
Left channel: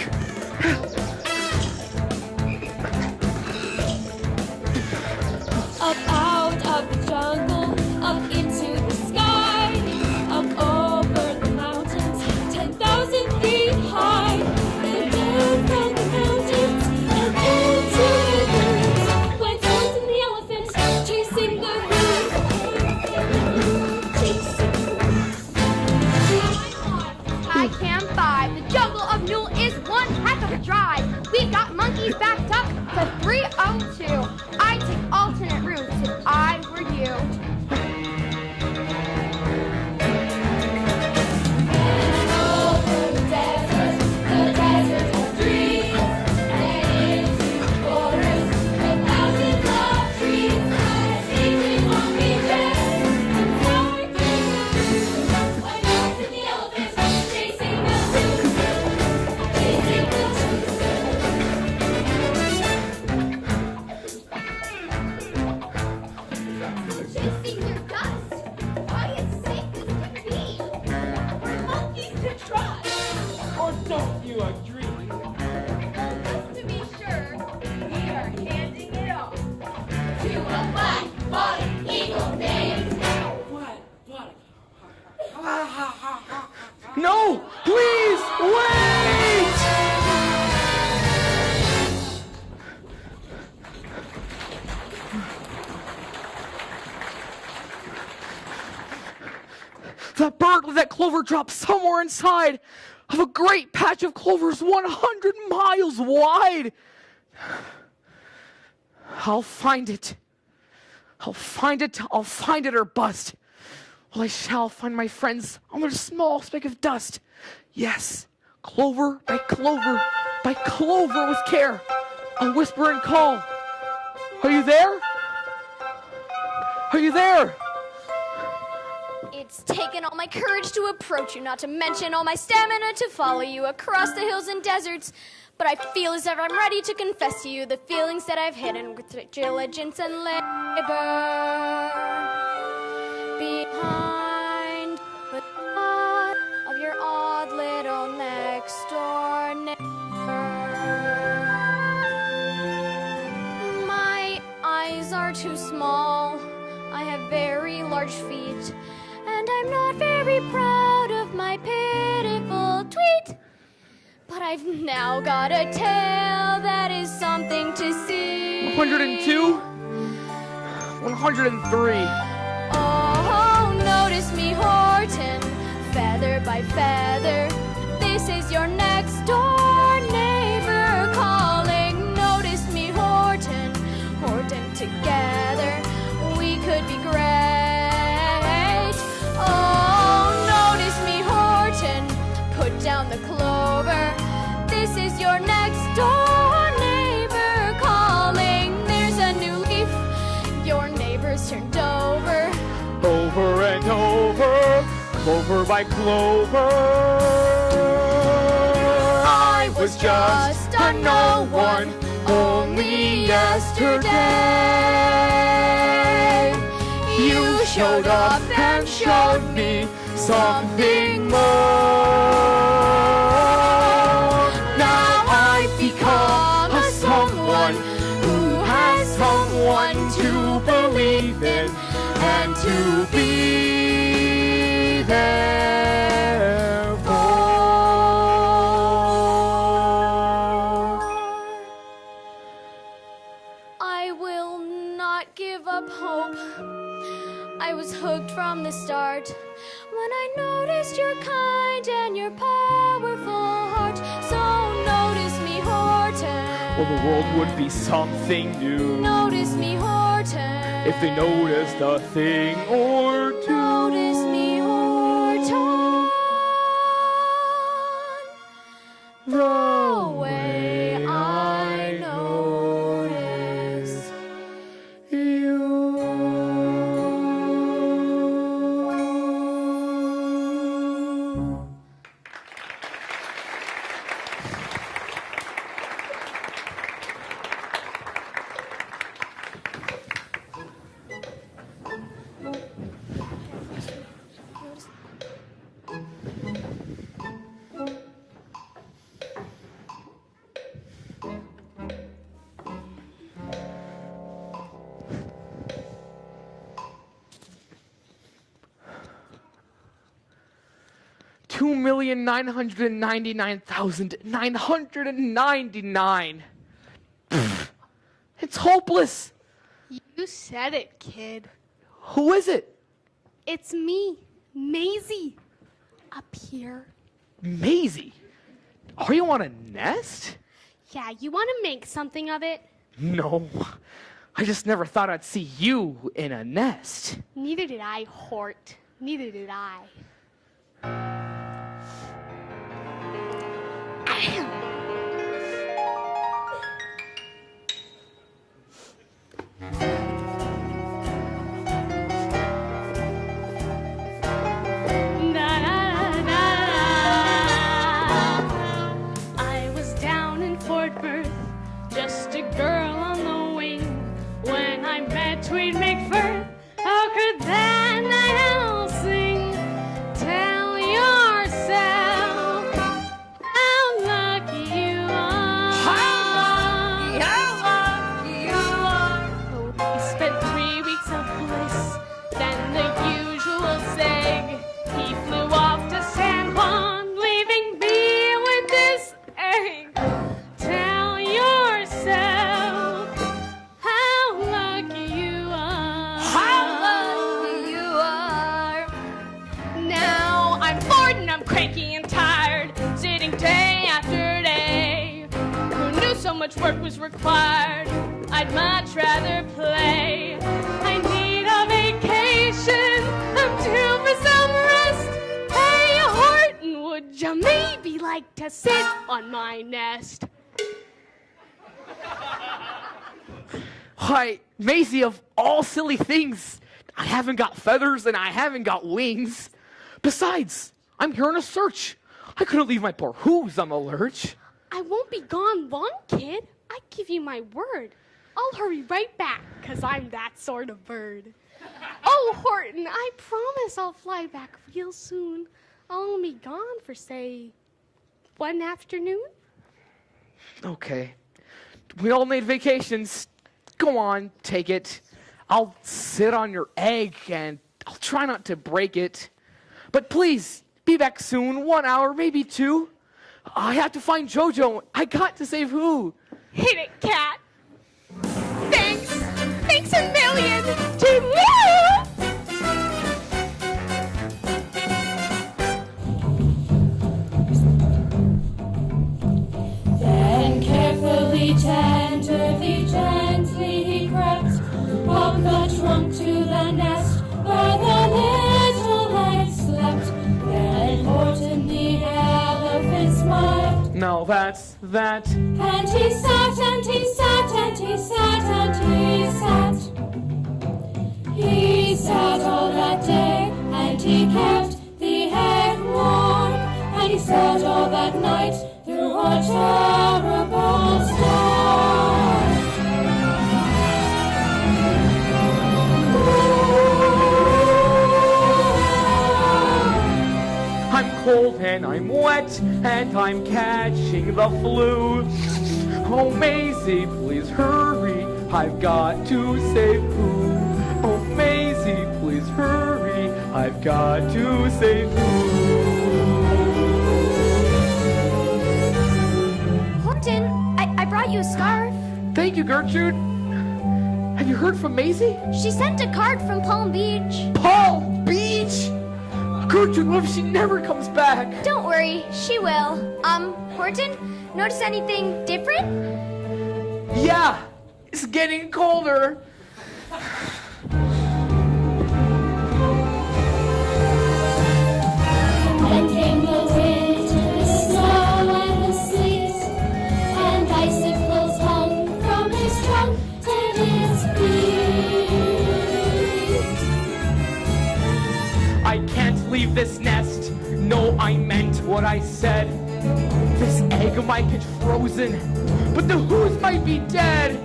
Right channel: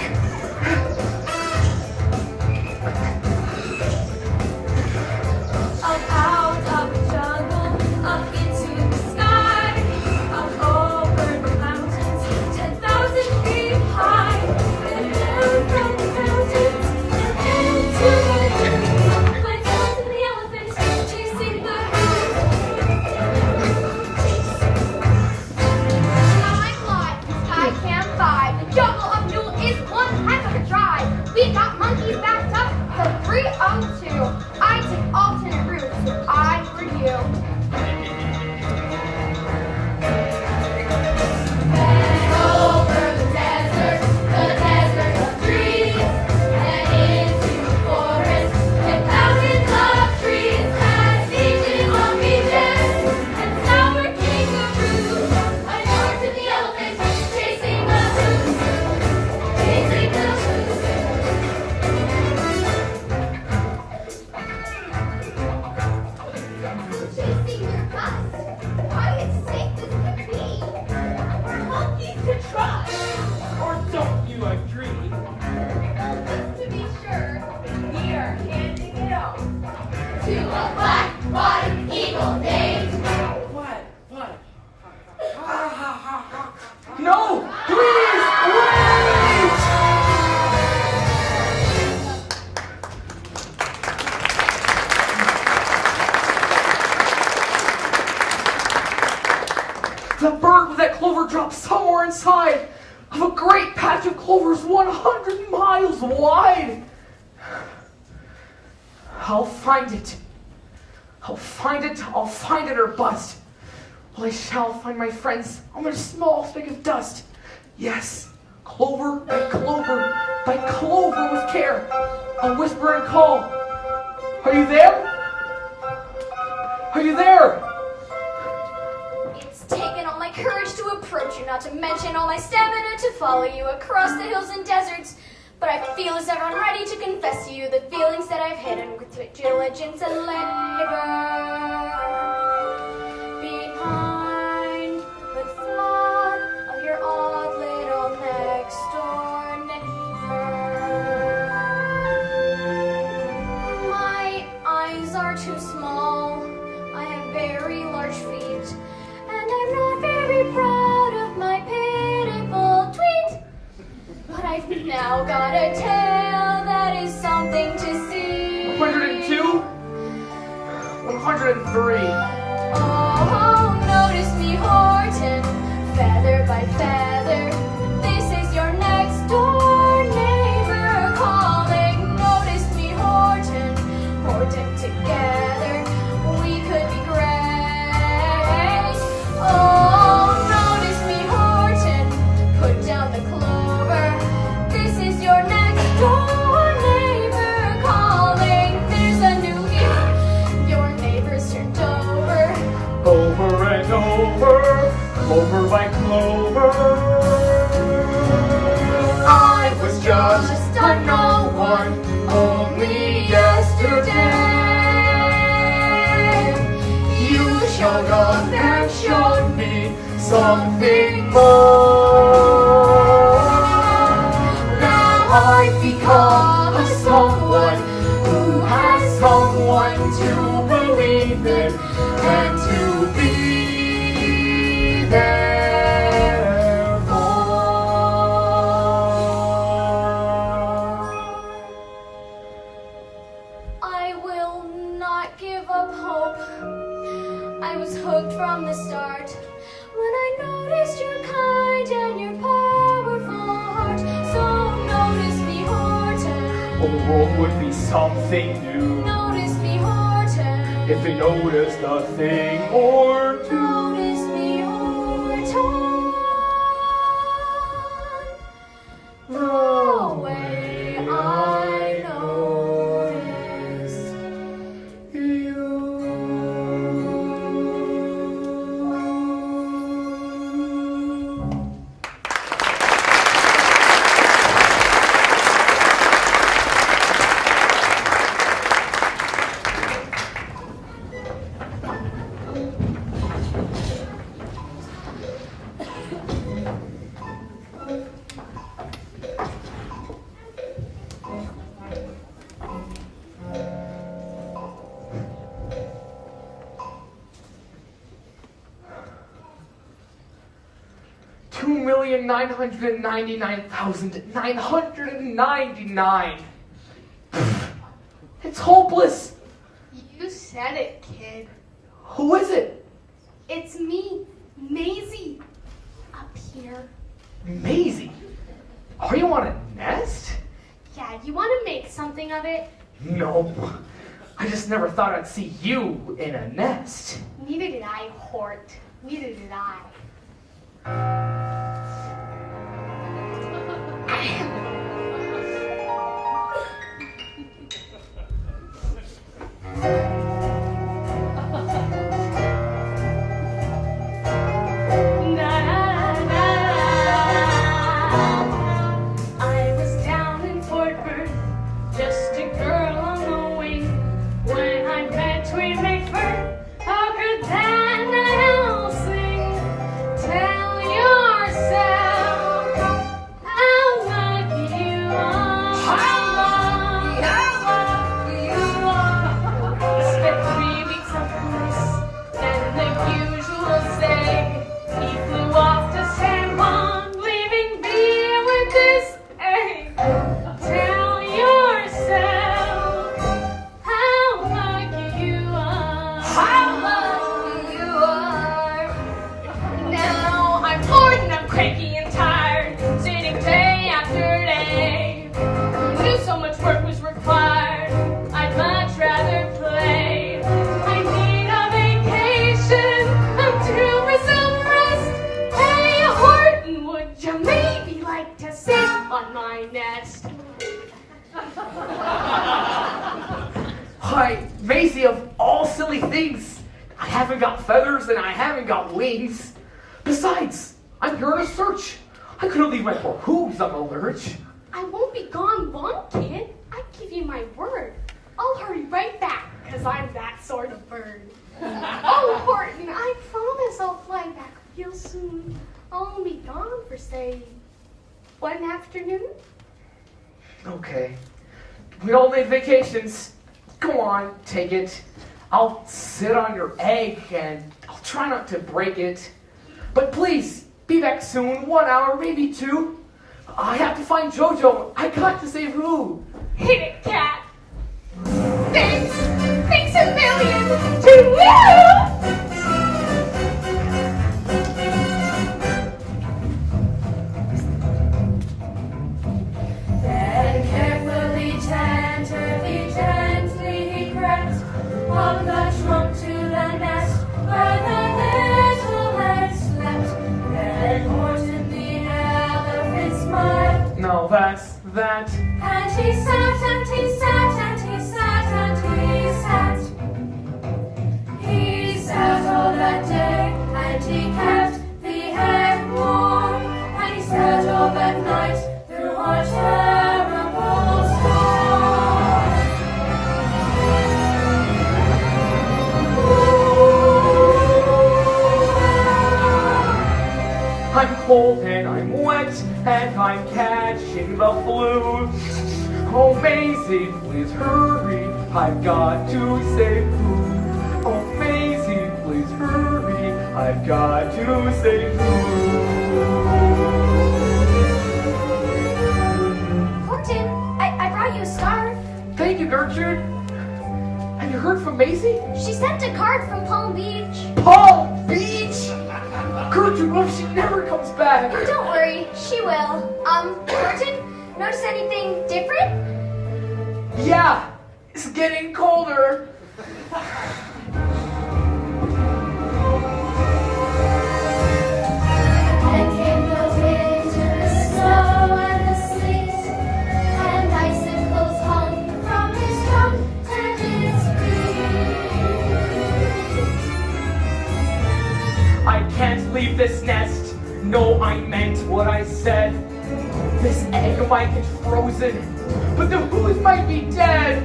Up out of the jungle, up into the sky, up over the mountains, 10,000 feet high, and down from the mountains and into the hills. Flies down to the elephant, chasing the hills. I can't buy. The jungle of Newell is one heck of a drive. We got monkeys backed up for 302. I take alternate routes if I were you. Over the desert of trees, and into the forest, and thousands of trees, and eating monkey dead, and sour kangaroos, and north to the elephants, chasing the moose, chasing the moose. Chasing your dust. Why it's safe as could be. We're monkeys to trust. Or don't you agree? Just to be sure, we are handing it off. To a black bottom eagle named. What? No! Please! Wait! The bird with that clover dropped somewhere inside of a great patch of clovers 100 miles wide. I'll find it. I'll find it or bust. Well, I shall find my friends on a small speck of dust. Yes, clover by clover with care. I'll whisper and call. Are you there? Are you there? It's taken all my courage to approach you, not to mention all my stamina to follow you across the hills and deserts. But I feel as if I'm ready to confess to you the feelings that I've hidden with diligence and labor. Behind the thought of your odd little next door neighbor. My eyes are too small. I have very large feet. And I'm not very proud of my pitiful tweet. But I've now got a tail that is something to see. 102? 103. Oh, notice me, Horton, feather by feather. This is your next door neighbor calling. Notice me, Horton, together we could be great. Oh, notice me, Horton, put down the clover. This is your next door neighbor calling. There's a new leaf, your neighbor's turned over. Over and over by clover. I was just a no one only yesterday. You showed up and showed me something more. Now I've become a someone who has someone to believe in and to be there for. I will not give up hope. I was hooked from the start when I noticed your kind and your powerful heart. So notice me, Horton. The world would be something new Notice me, Horton. if they noticed a thing or two. Notice me, Horton. The way I notice You. $2,999,999. It's hopeless. You said it, kid. Who is it? It's me, Maisie. Up here. Maisie. Are you on a nest? Yeah, you want to make something of it? No. I just never thought I'd see you in a nest. Neither did I, Hort. Neither did I. I was down in Fort Worth, just a girl on the wing. When I met Tweed McFur, how could that night owl sing? Tell yourself how lucky you are. How lucky you are. Spent 3 weeks on police, then the usual seg. He flew off to San Juan, leaving me with this egg. Tell yourself how lucky you are. How lucky you are. Now I'm bored and I'm cranky and tired, sitting day after day. Knew so much work was required, I'd much rather play. I need a vacation, I'm due for some rest. Hey, Horton, would you maybe like to sit on my nest? Hi, Maisie, of all silly things, I haven't got feathers and I haven't got wings. Besides, I'm here on a search. I couldn't leave my poor hooves on the lurch. I won't be gone long, kid. I give you my word. I'll hurry right back, 'cause I'm that sort of bird. Oh, Horton, I promise I'll fly back real soon. I'll only be gone for, say, 1 afternoon. Okay. We all need vacations. Go on, take it. I'll sit on your egg and I'll try not to break it. But please, be back soon, 1 hour, maybe 2. I have to find JoJo. I got to save who? Hit it, cat. Thanks. Thanks a million to you. Then carefully, gently he crept up the trunk to the nest where the little egg slept. Then Horton the elephant smiled, No, that's that. and he sat and he sat and he sat and he sat. He sat all that day and he kept the egg warm, and he sat all that night through a terrible storm. Ooh. and I'm catching the flu. Oh, Maisie, please hurry, I've got to say who. Oh, Maisie, please hurry, I've got to say who. Horton, I brought you a scarf. Thank you, Gertrude. Have you heard from Maisie? She sent a card from Palm Beach. Palm Beach? Gertrude, what if she never comes back? Don't worry, she will. Horton, notice anything different? Yeah, it's getting colder. And came the wind, the snow, and the sleet, and icicles hung from his trunk and his feet. I can't leave this nest. No, I meant what I said. This egg might get frozen, but the who's might be dead.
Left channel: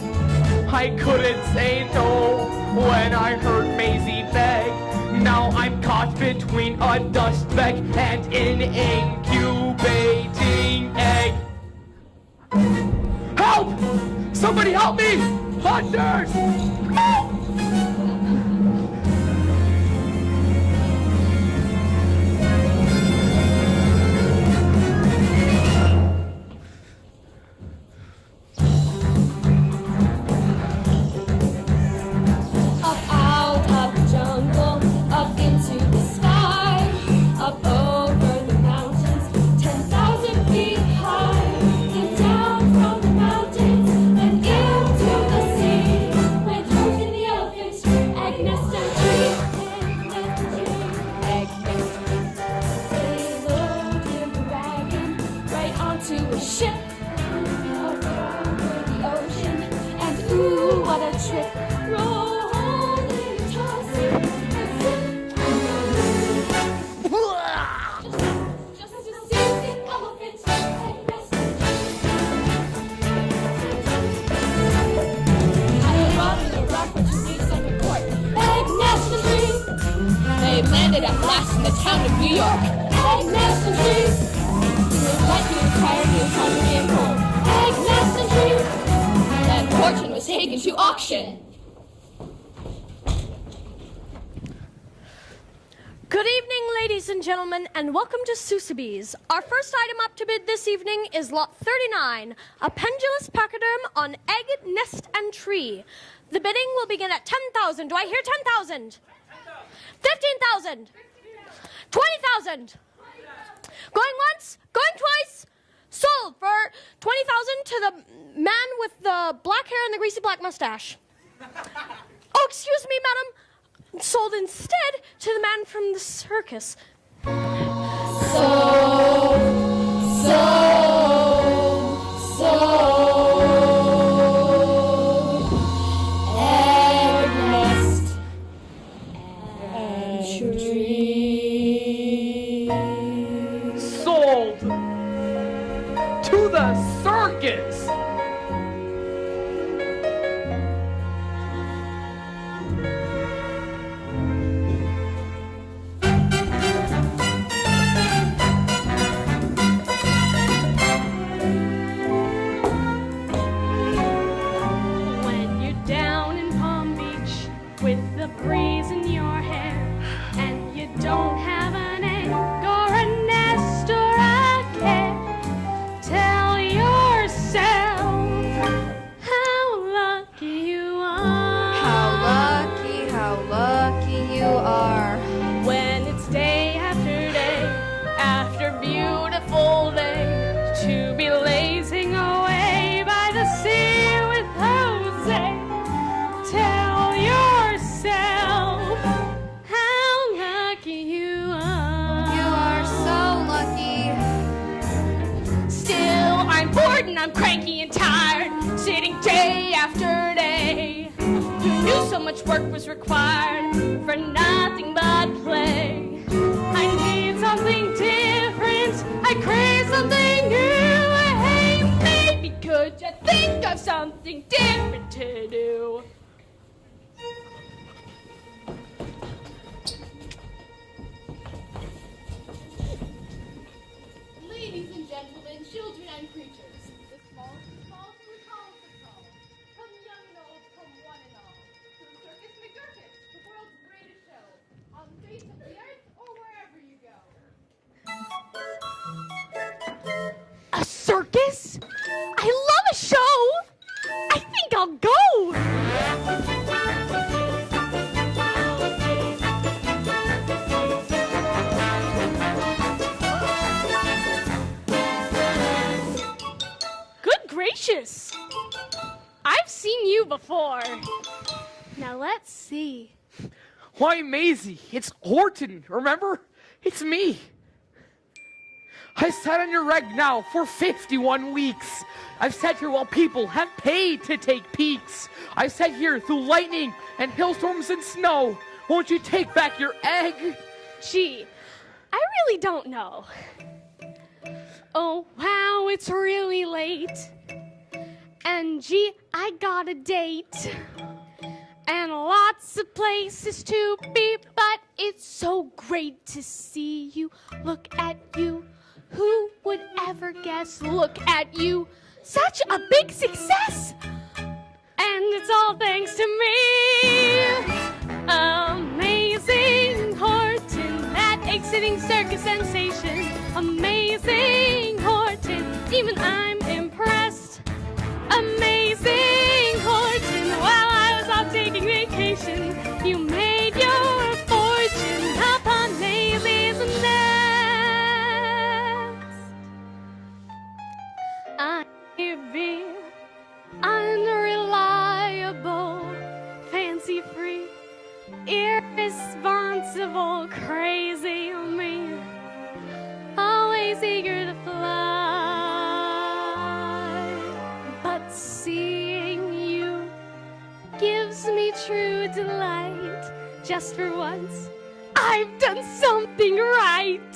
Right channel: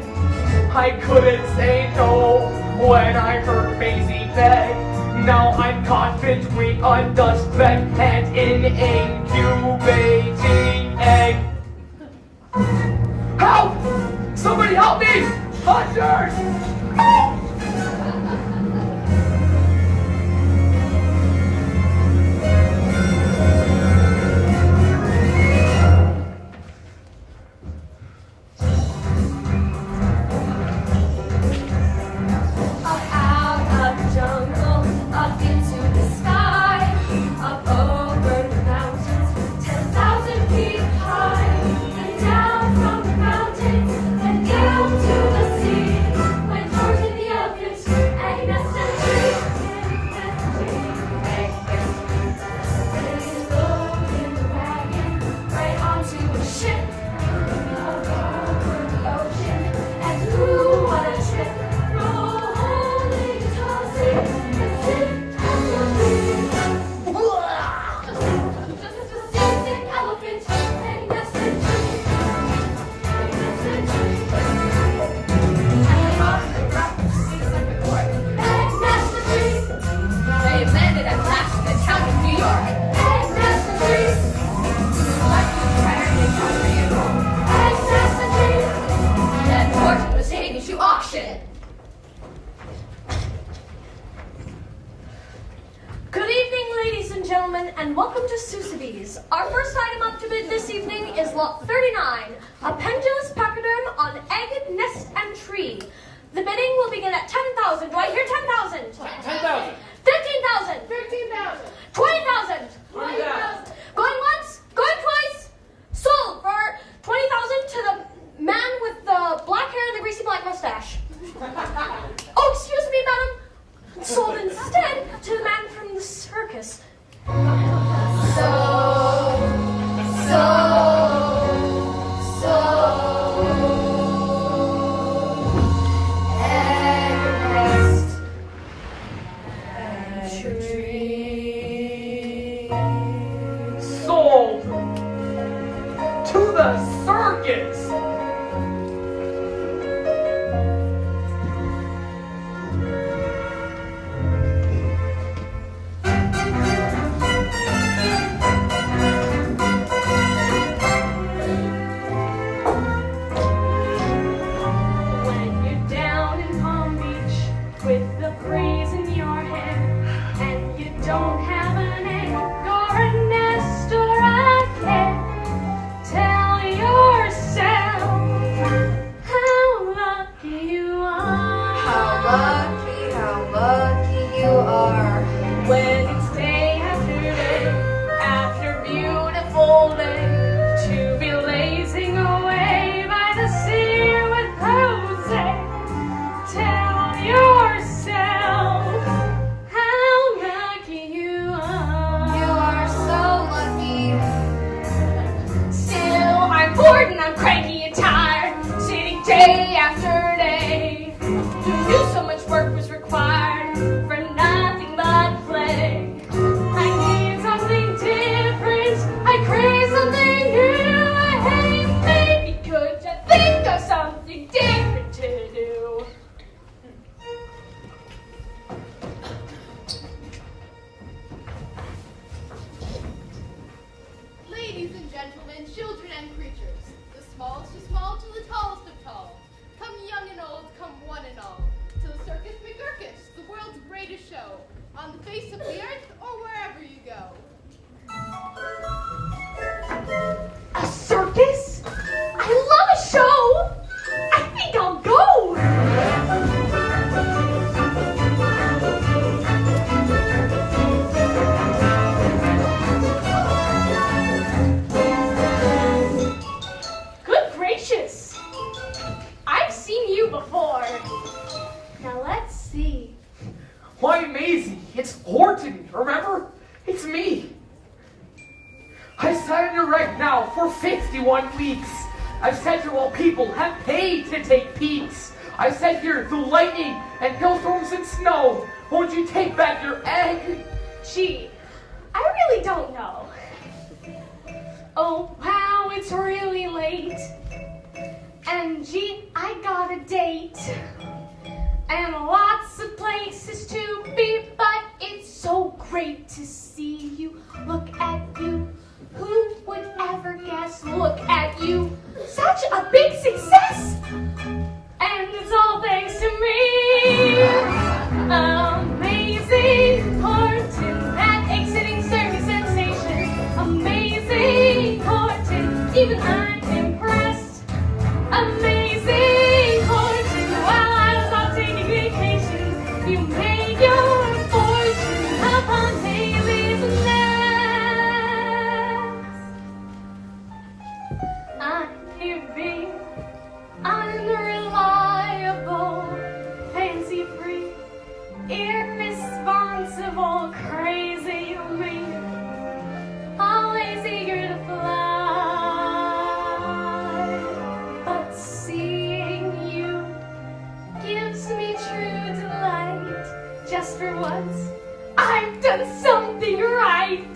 I couldn't say no when I heard Maisie beg. Now I'm caught between a dust speck and an incubating egg. Help! Somebody help me! Hunters! Help! Up out of the jungle, up into the sky, up over the mountains, 10,000 feet high. Then down from the mountains, then down to the sea. Went Horton the elephant, egg nest and tree, egg nest and tree. They looked in the wagon, right onto a ship, over the ocean, and ooh, what a trip! They landed at last in the town of New York. Egg nest and trees. Lucky to carry a country and home. Egg nest and trees. And Horton was taken to auction. Good evening, ladies and gentlemen, and welcome to Seussical. Our first item up to bid this evening is lot 39, a pendulous pachyderm on egg, nest, and tree. The bidding will begin at 10,000. Do I hear 10,000? 10,000. 15,000. 15,000. 20,000. 20,000. Going once, going twice. Sold for 20,000 to the man with the black hair and the greasy black mustache. Oh, excuse me, madam. Sold instead to the man from the circus. Sold to the circus. When you're down in Palm Beach with the breeze in your hair, and you don't have an egg or a nest or a care, tell yourself how lucky you are. How lucky you are. When it's day after beautiful day, to be lazing away by the sea with Jose. Tell yourself how lucky you are. You are so lucky. Still, I'm bored and I'm cranky and tired, sitting day after day. Who knew so much work was required for nothing but play? I need something different. I crave something new. Hey, baby, could you think of something different to do? Ladies and Maisie. It's Horton, remember? It's me. I sat here right now for 51 weeks. I've sat here while people have paid to take peeks. I've sat here through lightning and hailstorms and snow. Won't you take back your egg? Gee, I really don't know. Oh, wow, it's really late. And gee, I got a date. And lots of places to be, but it's so great to see you. Look at you. Who would ever guess? Look at you. Such a big success. And it's all thanks to me. Amazing Horton, that egg-sitting circus sensation. Amazing Horton, even I'm impressed. Amazing Horton, while I was off taking vacation, you made your fortune upon Daisy's necks. I could be unreliable, fancy-free, irresponsible, crazy me, always eager to fly. But seeing you gives me true delight. Just for once, I've done something right.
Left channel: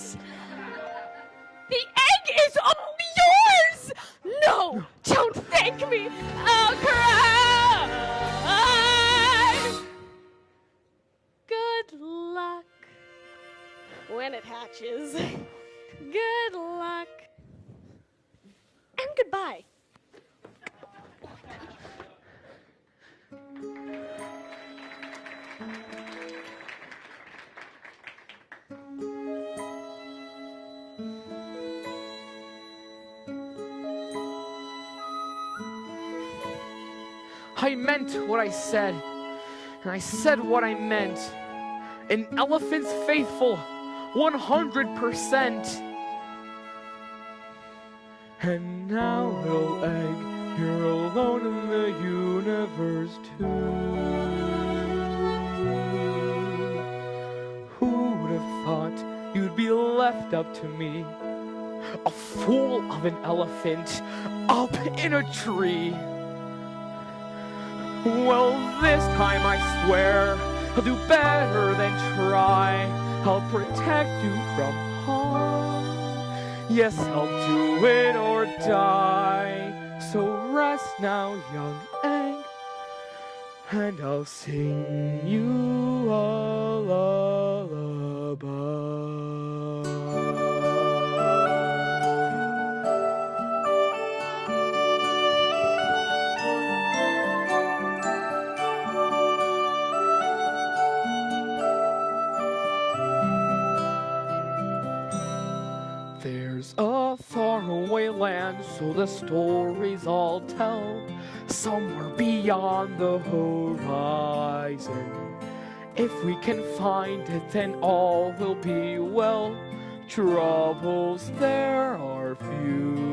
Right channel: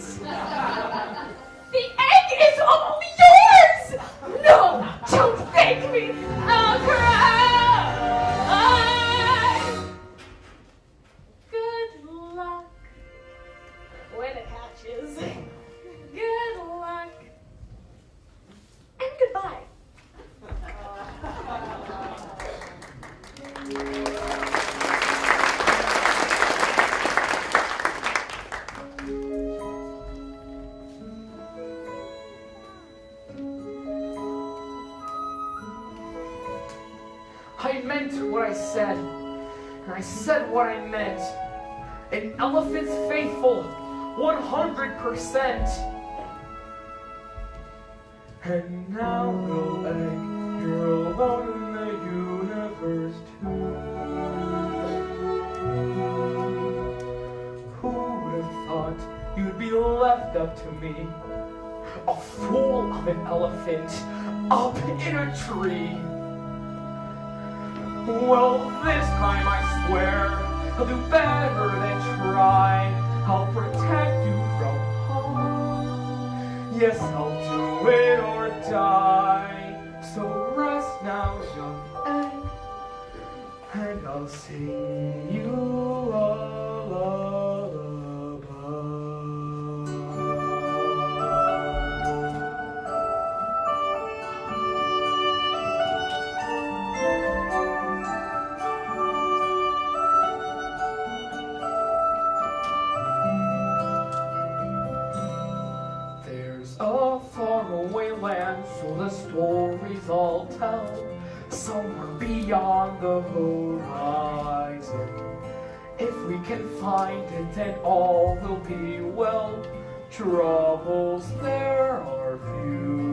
The egg is all yours! No, don't thank me. I'll cry. Good luck when it hatches. Good luck. And goodbye. I meant what I said, and I said what I meant. An elephant's faithful, 100%. And now, little egg, you're alone in the universe too. Who would have thought you'd be left up to me? A fool of an elephant, up in a tree. Well, this time I swear I'll do better than try. I'll protect you from harm. Yes, I'll do it or die. So rest now, young egg, and I'll sing you a lullaby. A faraway land, so the stories I'll tell, somewhere beyond the horizon. If we can find it, then all will be well. Troubles there are few.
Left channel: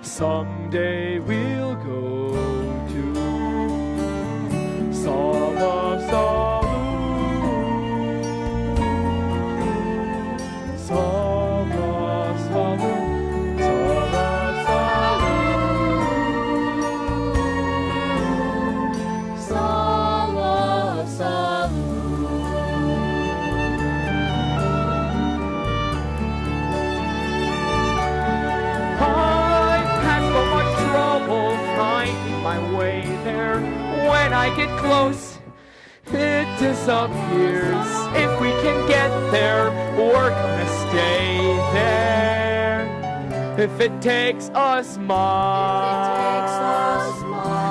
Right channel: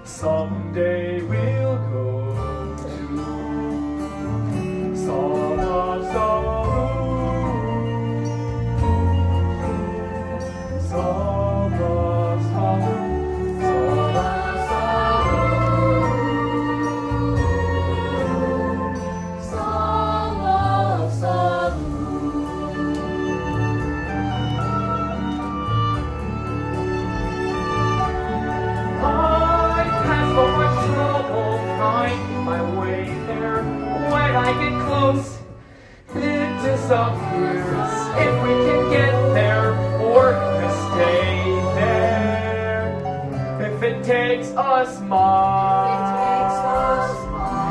Someday we'll go to Sala Salu. Disappears. If we can get there, we're gonna stay there. If it takes us months,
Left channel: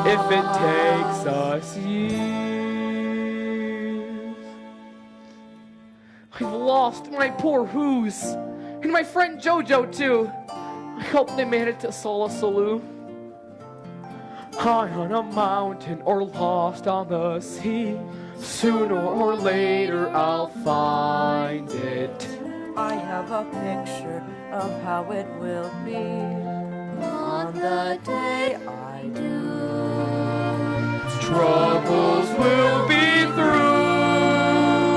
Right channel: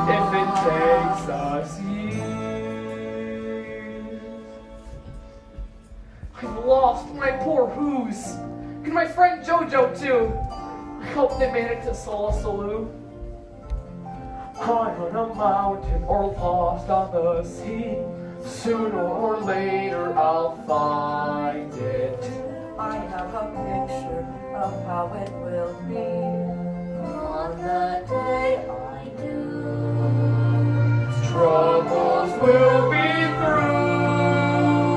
if it takes us years. I've lost my poor Who's, and my friend Jojo too. I hope they made it to Seussical. High on a mountain or lost on the sea. Sooner or later I'll find it. I have a picture of how it will be on the day I do. Troubles will be through.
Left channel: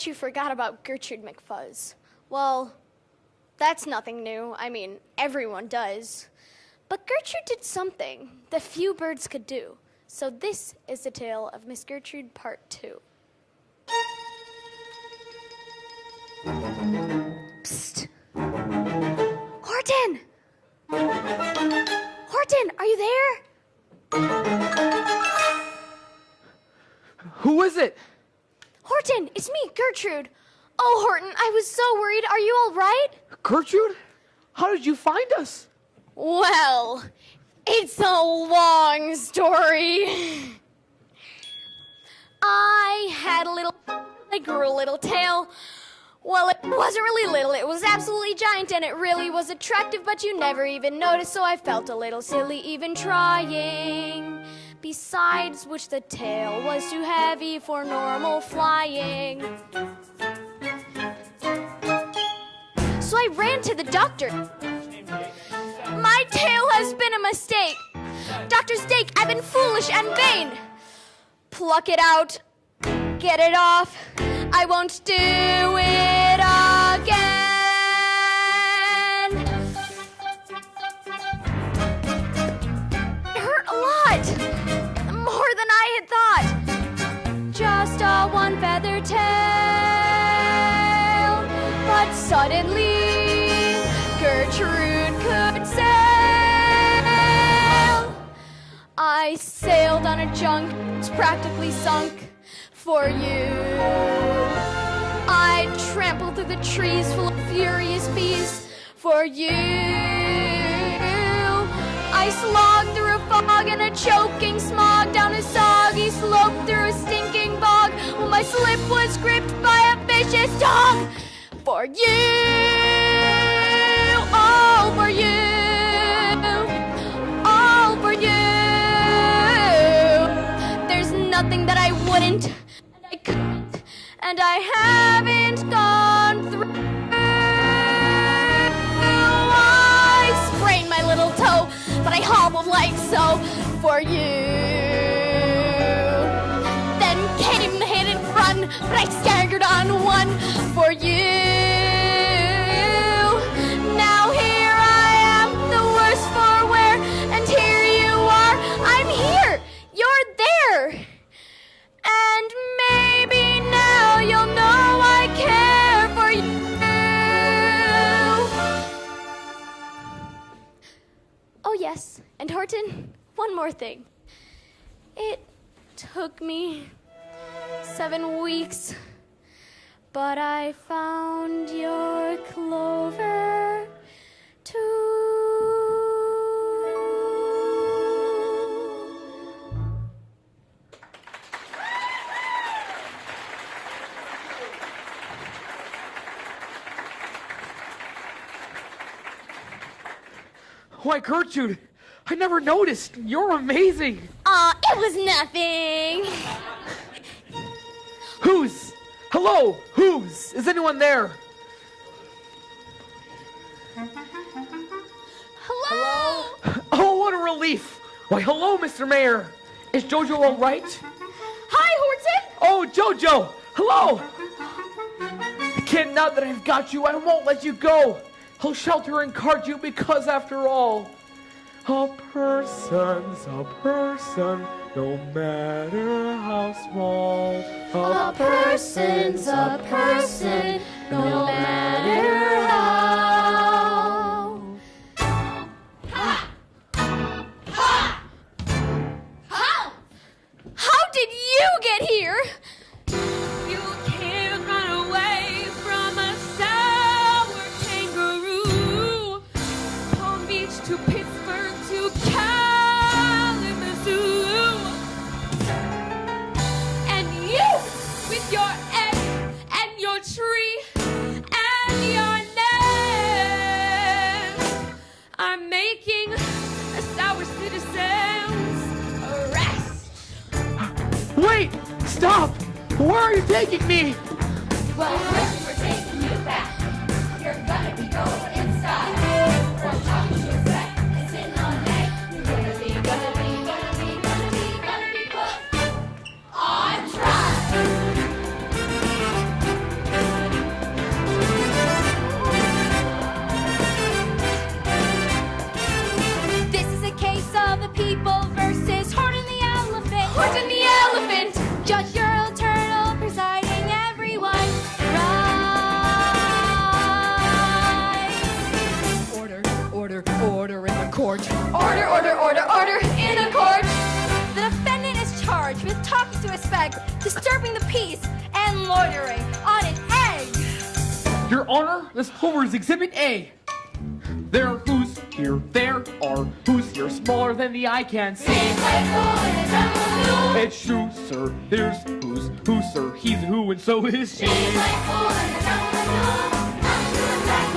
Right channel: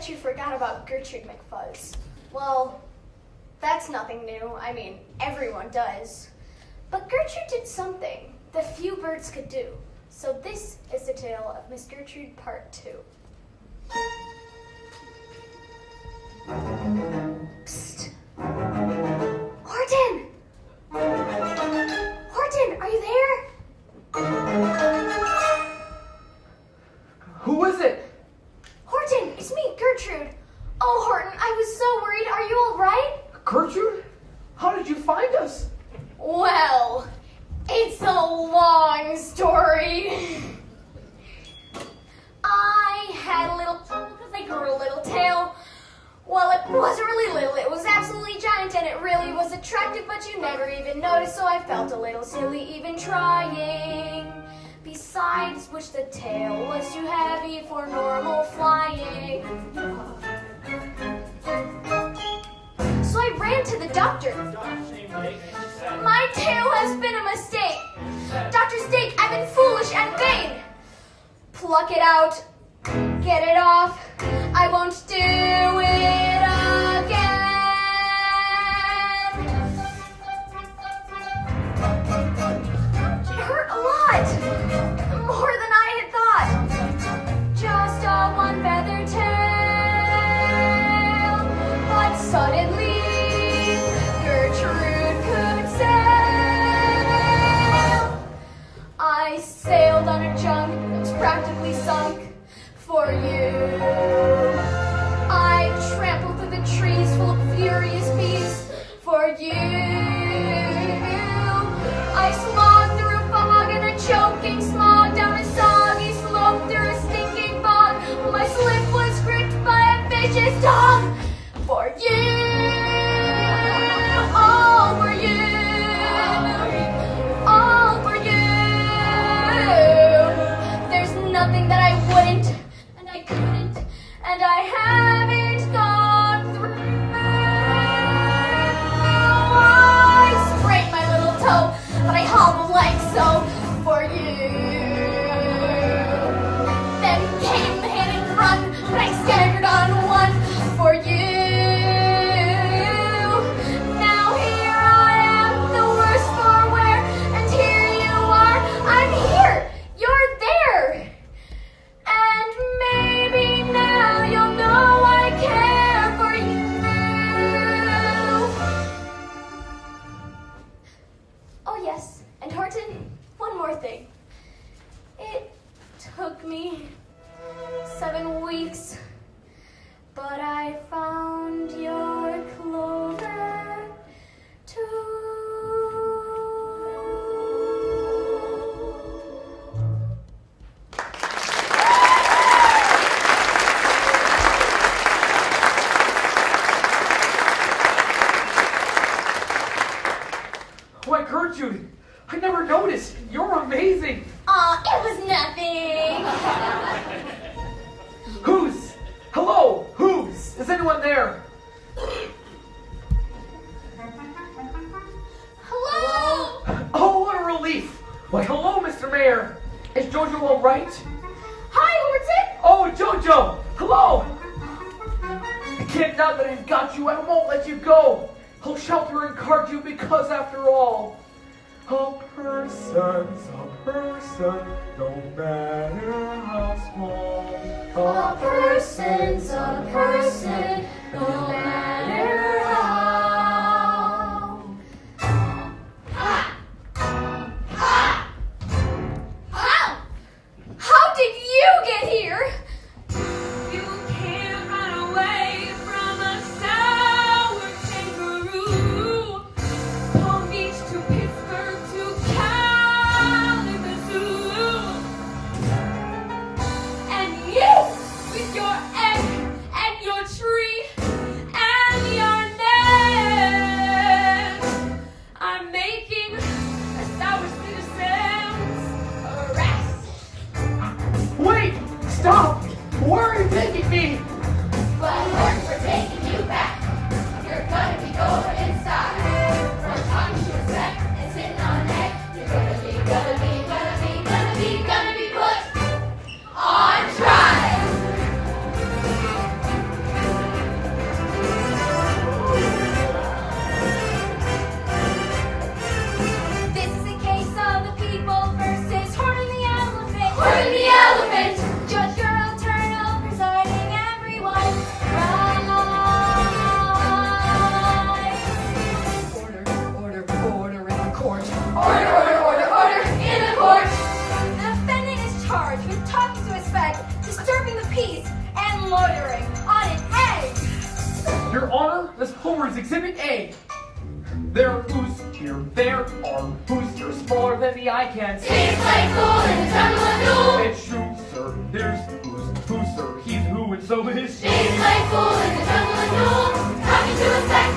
bet you forgot about Gertrude McFuzz. Well, that's nothing new. I mean, everyone does. But Gertrude did something that few birds could do. So this is the tale of Miss Gertrude Part 2. Psst. Horton! Horton, are you there? Who is it? Horton, it's me, Gertrude. Oh, Horton, I was so worried. Are you all right? Gertrude? How did you find us? Well, it's a long story. I grew a little tail. Well, it wasn't really little, it was absolutely giant, and it really was attractive, but you never even noticed, so I felt a little silly even trying. Besides which the tail was too heavy for normal flying. So I ran to the doctor. My tail has been a mistake. Dr. Steak, I've been foolish and vain. Pluck it out, get it off. I won't do it again. It hurt a lot, more than I had thought. Just a one feather tail, but suddenly Gertrude could sail. I sailed on a junk that's practically sunk for you. I trampled through the trees full of furious bees for you. I slogged through a fog and a choking smog, down a soggy slope through a stinking bog, while my slip was gripped by a vicious dog. For you, all for you, all for you. There's nothing that I wouldn't, and I couldn't, and I haven't gone through. I sprained my little toe, but I hobbled like so for you. Then came the hit and run, but I staggered on one for you. Now here I am, the worse for wear, and here you are. I'm here, you're there. And maybe now you'll know I care for you. Oh yes, and Horton, one more thing. It took me 7 weeks, but I found your clover too. Why, Gertrude, I never noticed. You're amazing. It was nothing. Who's? Hello, who's? Is anyone there? Hello? Oh, what a relief. Why, hello, Mr. Mayor. Is Jojo all right? Hi, Horton. Oh, Jojo, hello. Kid, now that I've got you, I won't let you go. I'll shelter and guard you because, after all, a person's a person, no matter how small. A person's a person, no matter how. How did you get here? You can't run away from a sour kangaroo. Palm Beach to Pittsburgh to Kalamazoo. And you, with your egg and your tree and your nest, are making a sour citizen's arrest. Wait, stop. Where are you taking me? Well, first we're taking you back. You're gonna be going inside. Fresh talking to your set and sitting on a neck. You're gonna be put on trial. Horton the elephant, Judge your eternal presiding everyone. Rise. Order in the court. Order in the court. The defendant is charged with talking to his fag, disturbing the peace, and loitering on an egg. Your Honor, this Homer is Exhibit A. There are who's here, there are who's here, smaller than the eye can see. He's playful in the jungle and new. It's true, sir, there's who's, sir, he's who, and so is she. He's playful in the jungle and new. Happy to attack,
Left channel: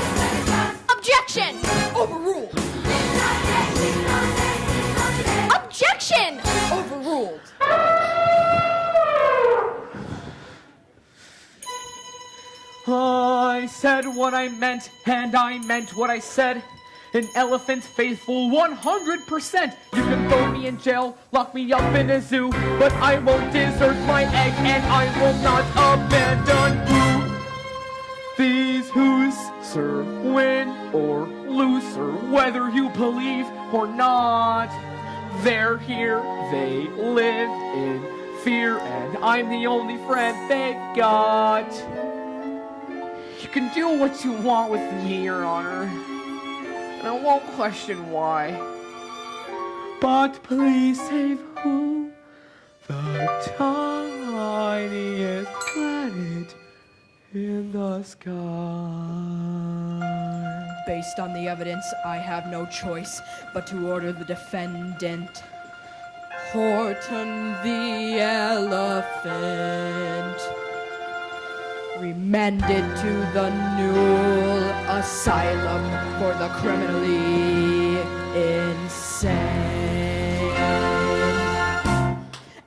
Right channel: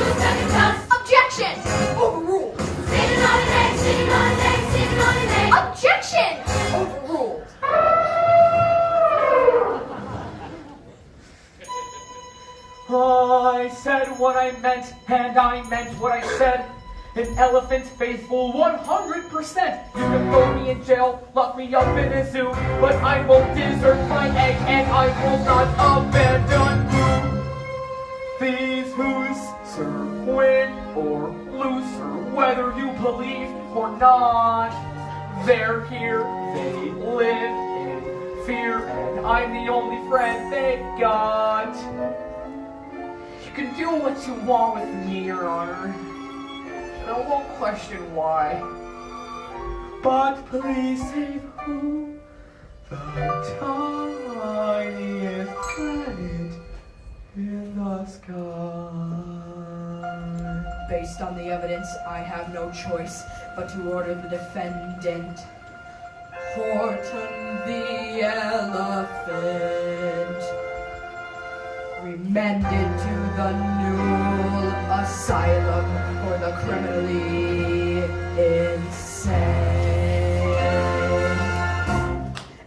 it's not. Objection! Overruled. Sitting on an egg, sitting on an egg, sitting on an egg. Objection! Overruled. I said what I meant, and I meant what I said. An elephant faithful 100%. You can throw me in jail, lock me up in a zoo, but I won't desert my egg, and I will not abandon these who's, sir, win or lose, sir, whether you believe or not. They're here, they live in fear, and I'm the only friend they got. You can do what you want with me, Your Honor, and I won't question why. But please save who the tiniest planet in the sky. Based on the evidence, I have no choice but to order the defendant, Horton the elephant, remanded to the Newell Asylum for the criminally insane.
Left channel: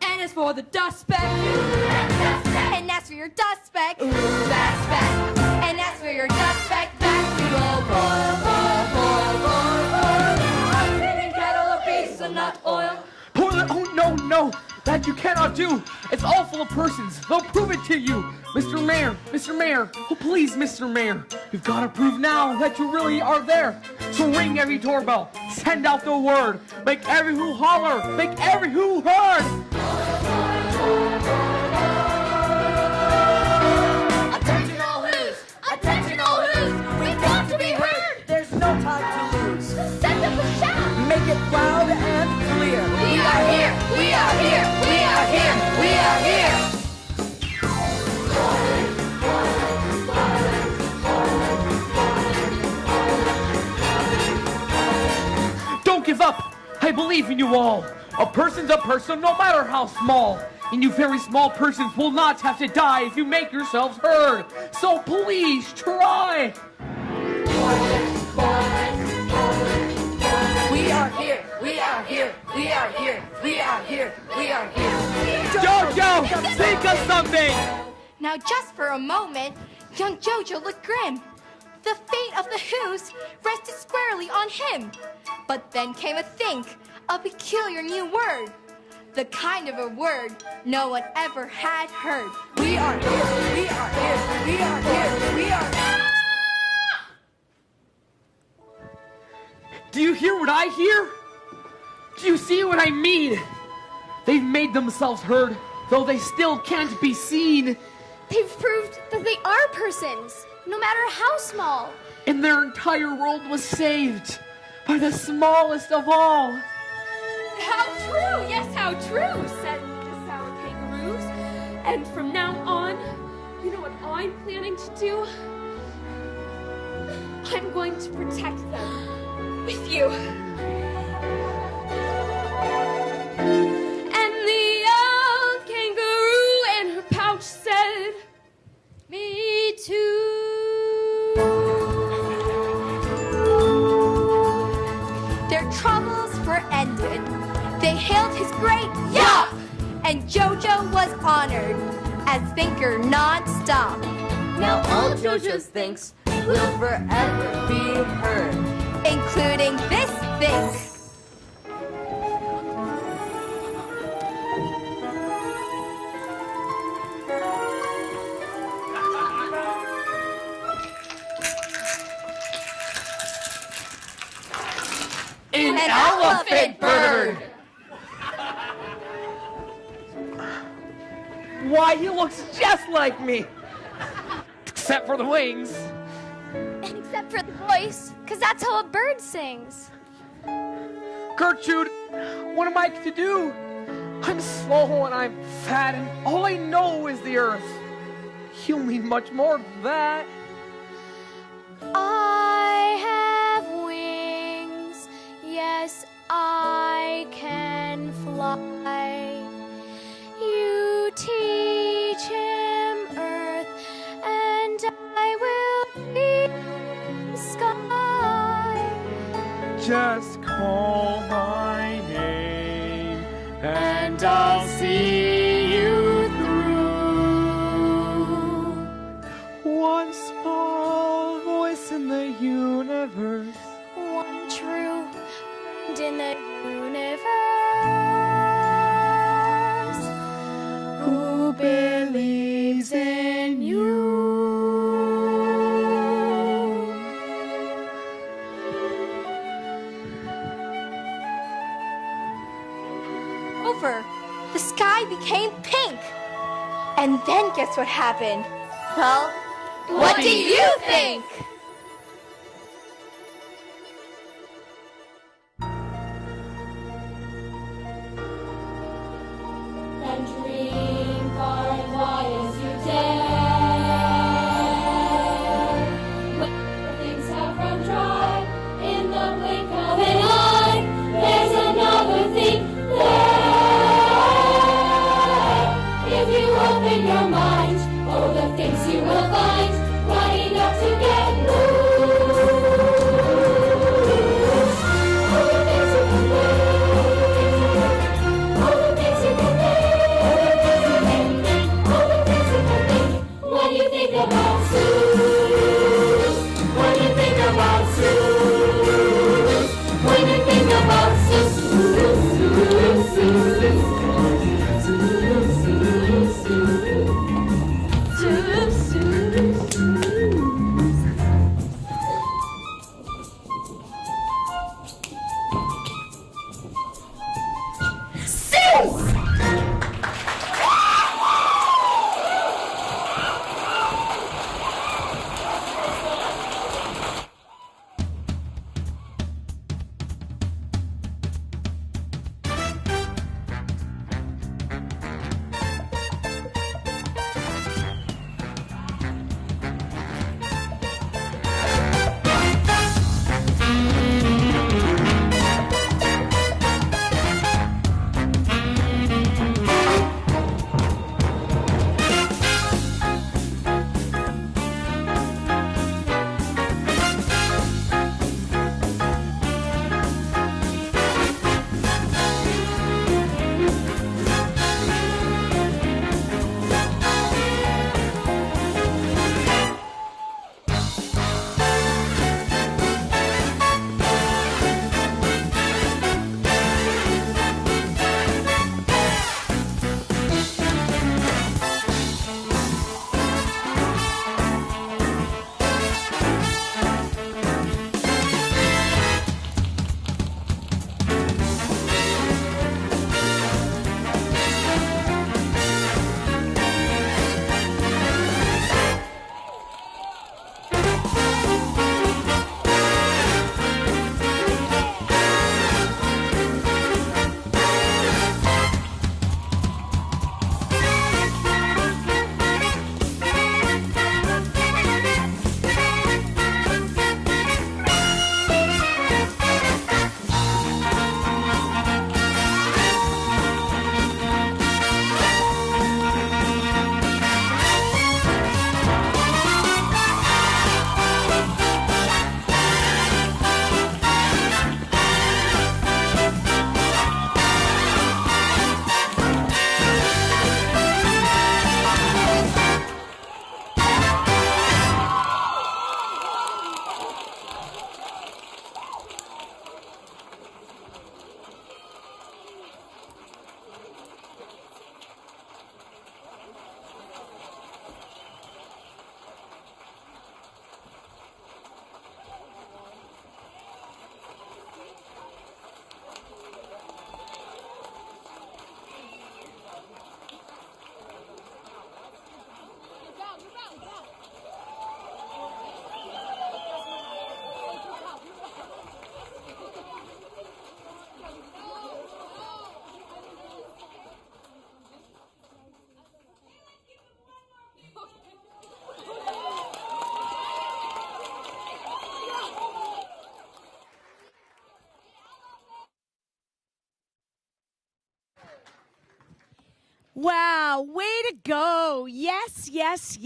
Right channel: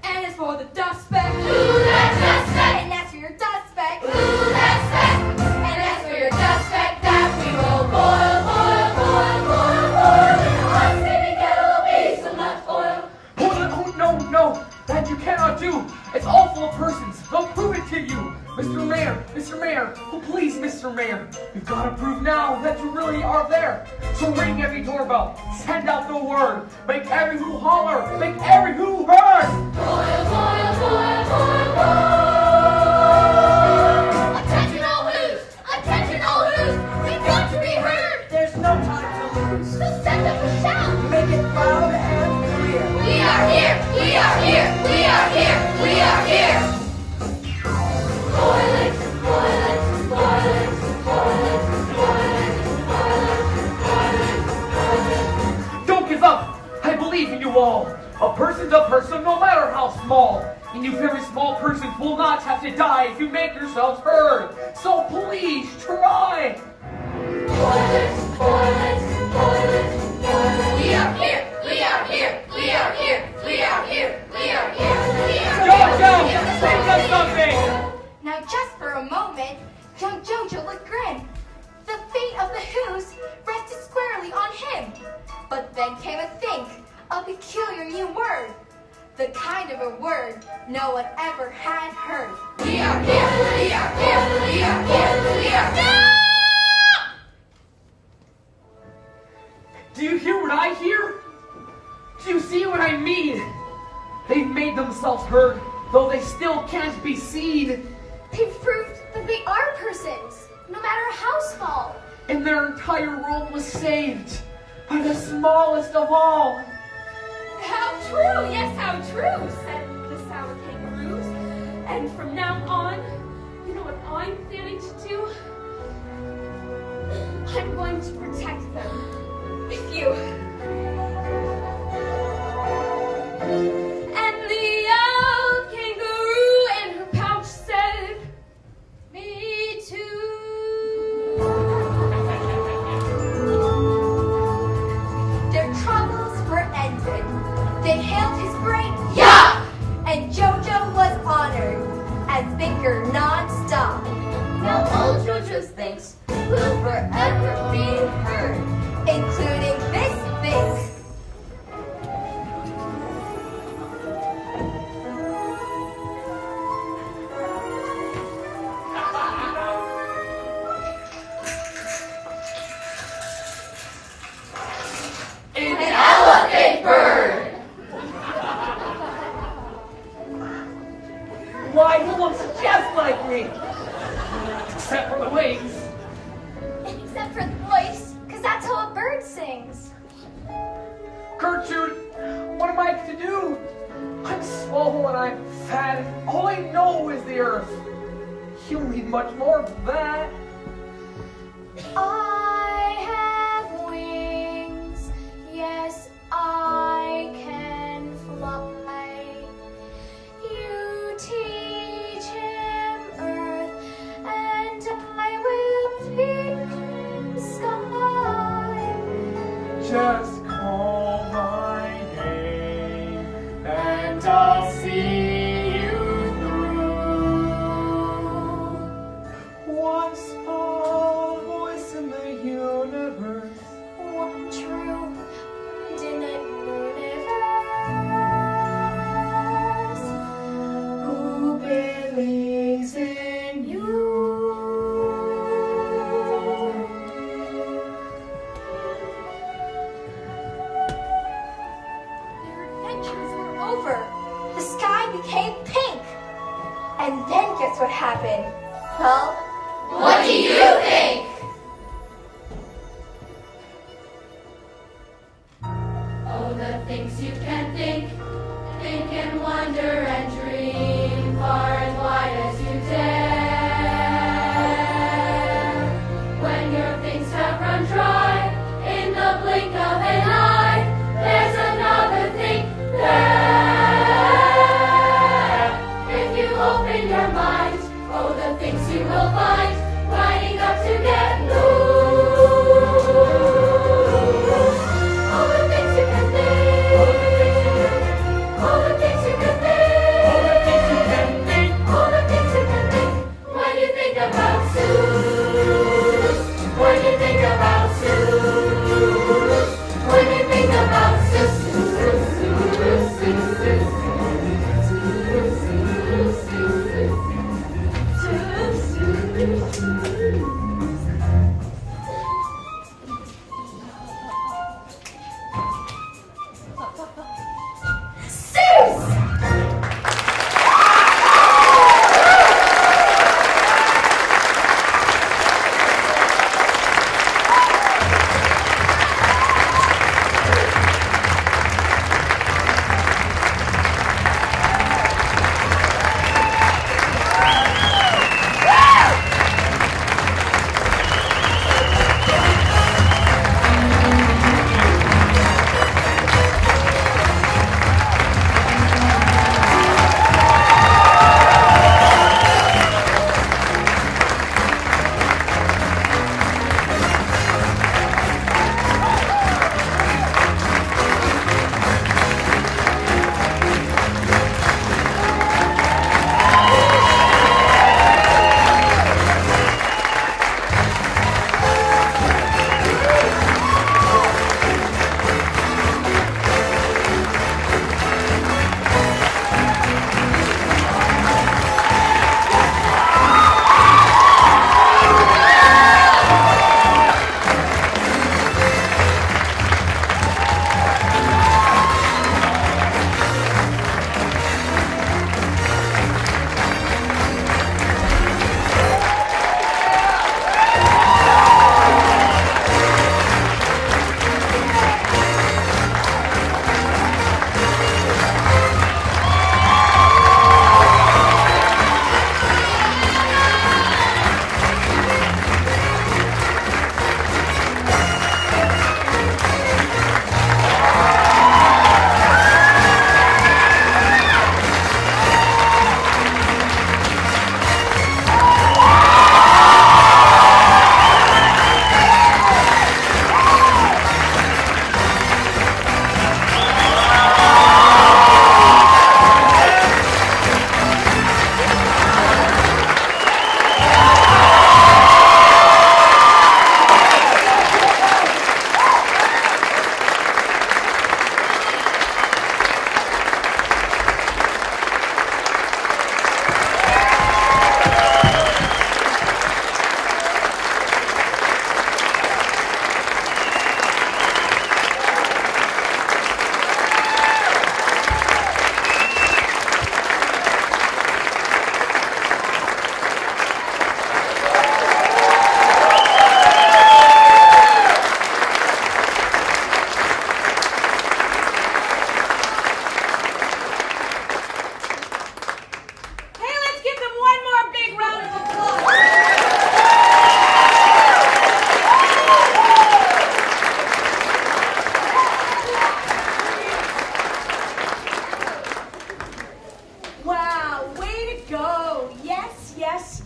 And as for the dust speck, Ooh, that's suspect. And as for your dust speck, ooh, that's speck. And as for your dust speck, that we will boil. In a hot city kettle of hazelnut oil. Oh, no, that you cannot do. It's all full of persons. They'll prove it to you. Mr. Mayor, oh please, Mr. Mayor, you've got to prove now that you really are there. So ring every doorbell, send out the word, make every who holler, make every who heard. Attention all who's, we want to be heard. There's no time to lose. Send them a shout. Make it loud and clear. We are here, we are here, we are here, we are here. Don't give up, I believe in you all. A person's a person no matter how small. And you very small persons will not have to die if you make yourselves heard. So please try. We are here, we are here, we are here, we are here, we are here. Jojo, sing us something. Now just for a moment, young Jojo looked grim. The fate of the Who's rested squarely on him. But then came a think, a peculiar new word. The kind of a word no one ever had heard. We are here, we are here, we are here, we are here. Do you hear what I hear? Do you see what I mean? They've made themselves heard, though they still can't be seen. They've proved that they are persons, no matter how small. And their entire world was saved by the smallest of all. How true, yes, how true, said the sour kangaroos. And from now on, you know what I'm planning to do? I'm going to protect them with you. And the old kangaroo in her pouch said, me too. Their troubles were ended. They hailed his great yeah! And Jojo was honored as thinker non-stop. Now all JoJo's thinks will forever be heard. Including this think. An elephant bird. like me. Except for the wings. Except for the voice, because that's how a bird sings. Gertrude, what am I to do? I'm small and I'm fat and all I know is the earth. You need much more than that. I have wings, yes, I can fly. You teach him earth, and I will teach him sky. Just call my name and I'll see you through. One small voice in the universe. One true and in the universe Who believes in you? Adventures were over. The sky became pink. And then guess what happened? Well, what do you think? Oh, the things you can think and wonder and dream far and wide as you dare. When your things have run dry, in the blink of an eye, there's another thing there. If you open your mind, oh, the things you will find, lining up together.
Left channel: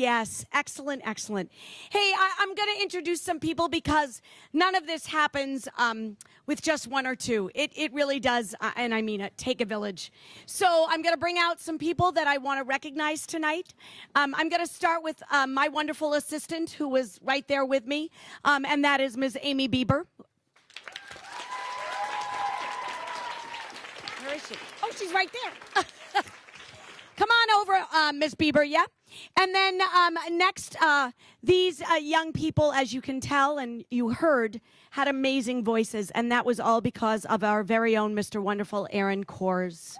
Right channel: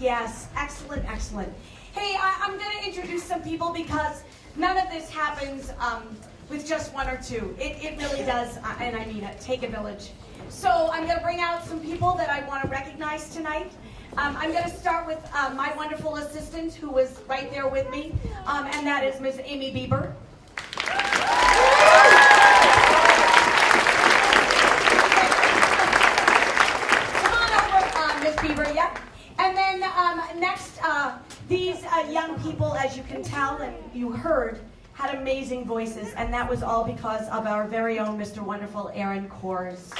Yes, excellent, excellent. Hey, I'm going to introduce some people because none of this happens with just one or two. It really does, and I mean it, take a village. So I'm going to bring out some people that I want to recognize tonight. I'm going to start with my wonderful assistant who was right there with me, and that is Ms. Amy Bieber. Come on over, Ms. Bieber, yep. And then next, these young people, as you can tell and you heard, had amazing voices, and that was all because of our very own Mr. Wonderful Aaron Kors.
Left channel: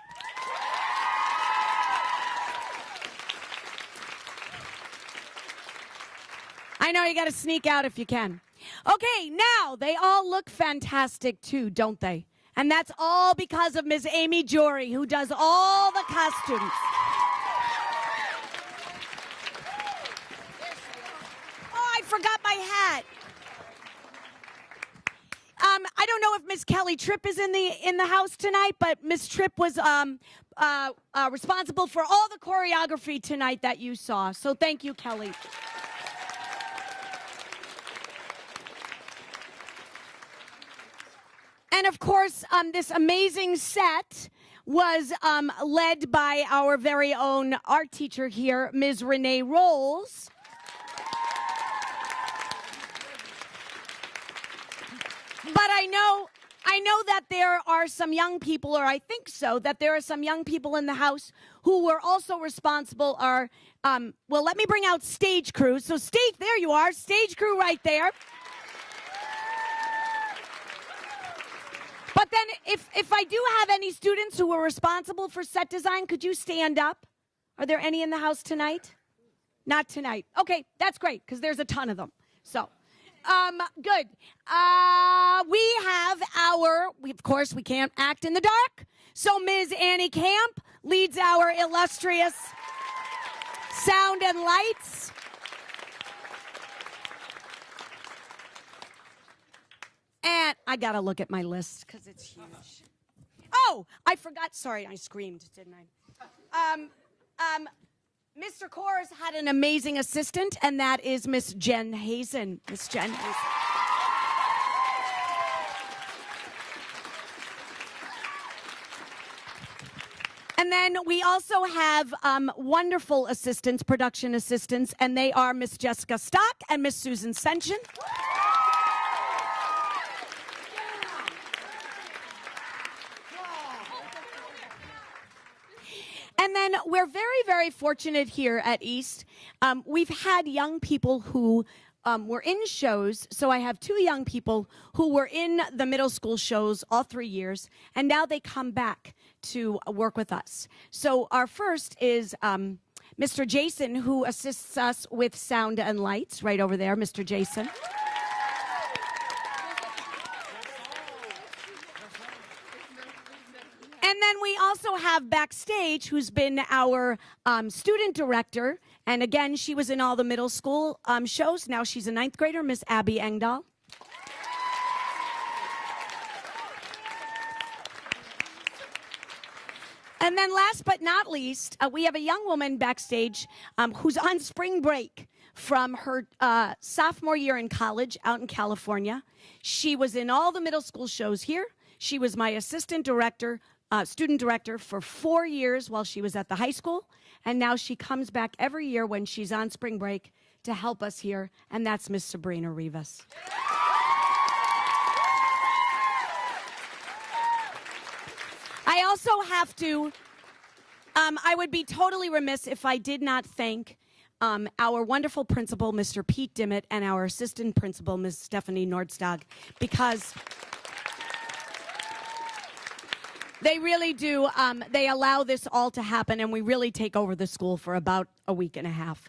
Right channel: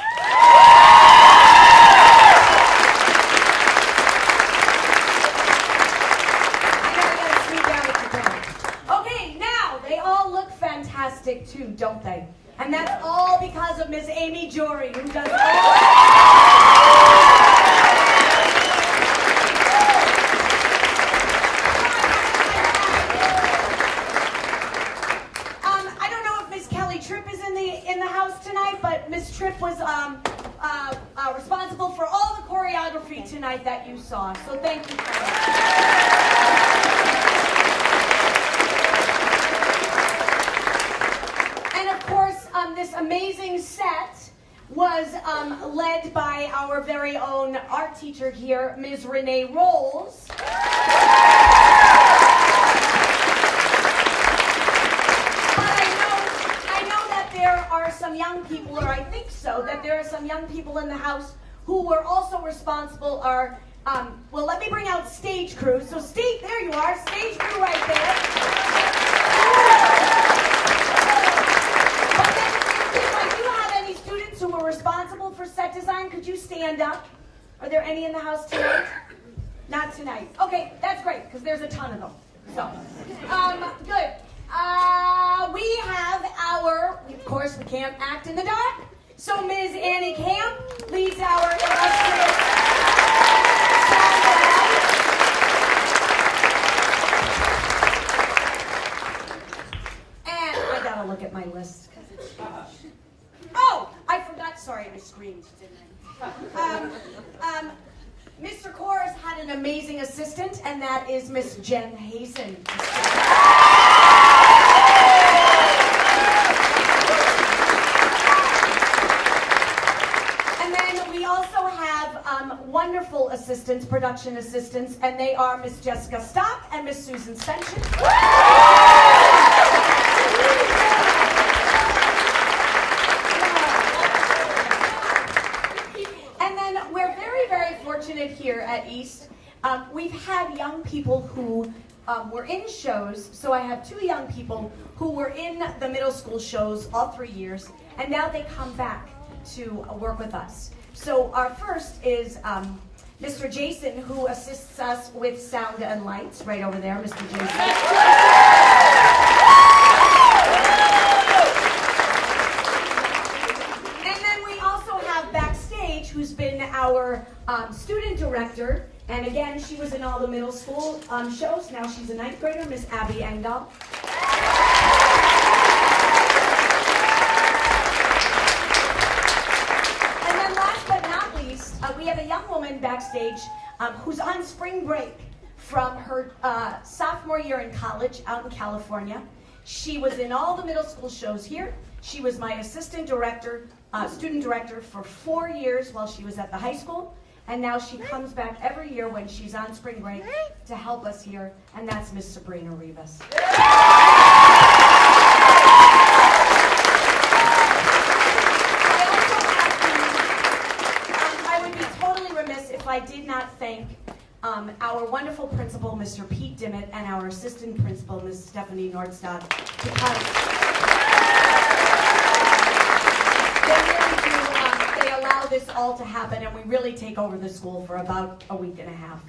I know you gotta sneak out if you can. Okay, now they all look fantastic too, don't they? And that's all because of Miss Amy Jory, who does all. Tripp is in the house tonight, but Miss Tripp was responsible for all the choreography tonight that you saw. So thank you, Carly. And of course, this amazing set was led by our very own art teacher here, Ms. Renee Rolls. There are some young people, or I think so, that there are some young people in the house who were also responsible, well, let me bring out stage crew. So there you are, stage crew right there. But then, if I do have any students who were responsible for set design, could you stand up? Are there any in the house tonight? Not tonight. Okay, that's great, because there's a ton of them. So, good. We have of course, we can't act in the dark, so Ms. Annie Camp leads our illustrious sound and lights. And I gotta look at my list, because it's huge. Oh, I forgot, sorry, I screamed, didn't I? Mr. Kors had an amazing assistant, and that is Miss Jen Hazen. Miss Jen. And then we also have wonderful assistants, production assistants, and they are Miss Jessica Stock and Miss Susan Senchen. And then we're very, very fortunate here at East. We've had young people who were in shows, so I have two young people who were in the middle school shows all 3 years, and now they come back to work with us. So our first is Mr. Jason, who assists us with sound and lights, right over there, Mr. Jason. And then we also have backstage, who's been our student director, and again, she was in all the middle school shows. Now she's a 9th grader, Miss Abby Engdahl. We have a young woman backstage who's on spring break from her sophomore year in college out in California. She was in all the middle school shows here. She was my assistant director, student director for 4 years while she was at the high school. And now she comes back every year when she's on spring break to help us here, and that's Miss Sabrina Rivas. Remiss if I did not thank our wonderful principal, Mr. Pete Dimmitt, and our assistant principal, Ms. Stephanie Nordstad, because they really do, they allow this all to happen, and we really take over the school for about a week and a half.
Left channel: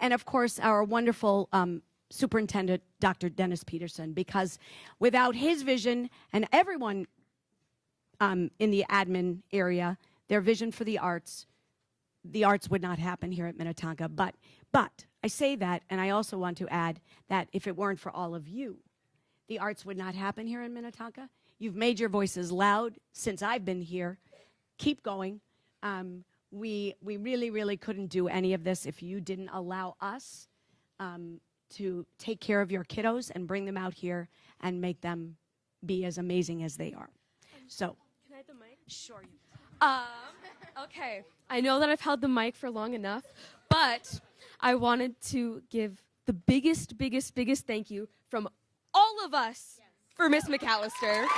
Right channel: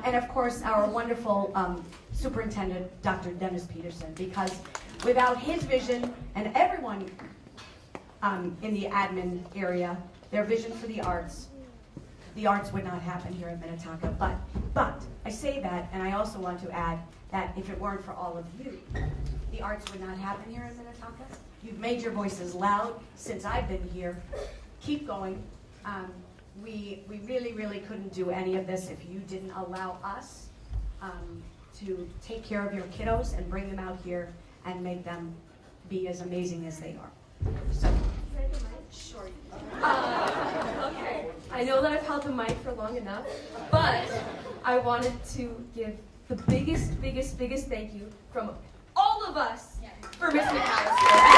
And of course, our wonderful superintendent, Dr. Dennis Peterson, because without his vision and everyone in the admin area, their vision for the arts would not happen here at Minnetonka. But I say that, and I also want to add that if it weren't for all of you, the arts would not happen here in Minnetonka. You've made your voices loud since I've been here. Keep going. we really, really couldn't do any of this if you didn't allow us to take care of your kiddos and bring them out here and make them be as amazing as they are. So, Okay, I know that I've held the mic for long enough, but I wanted to give the biggest thank you from all of us for Miss McAllister.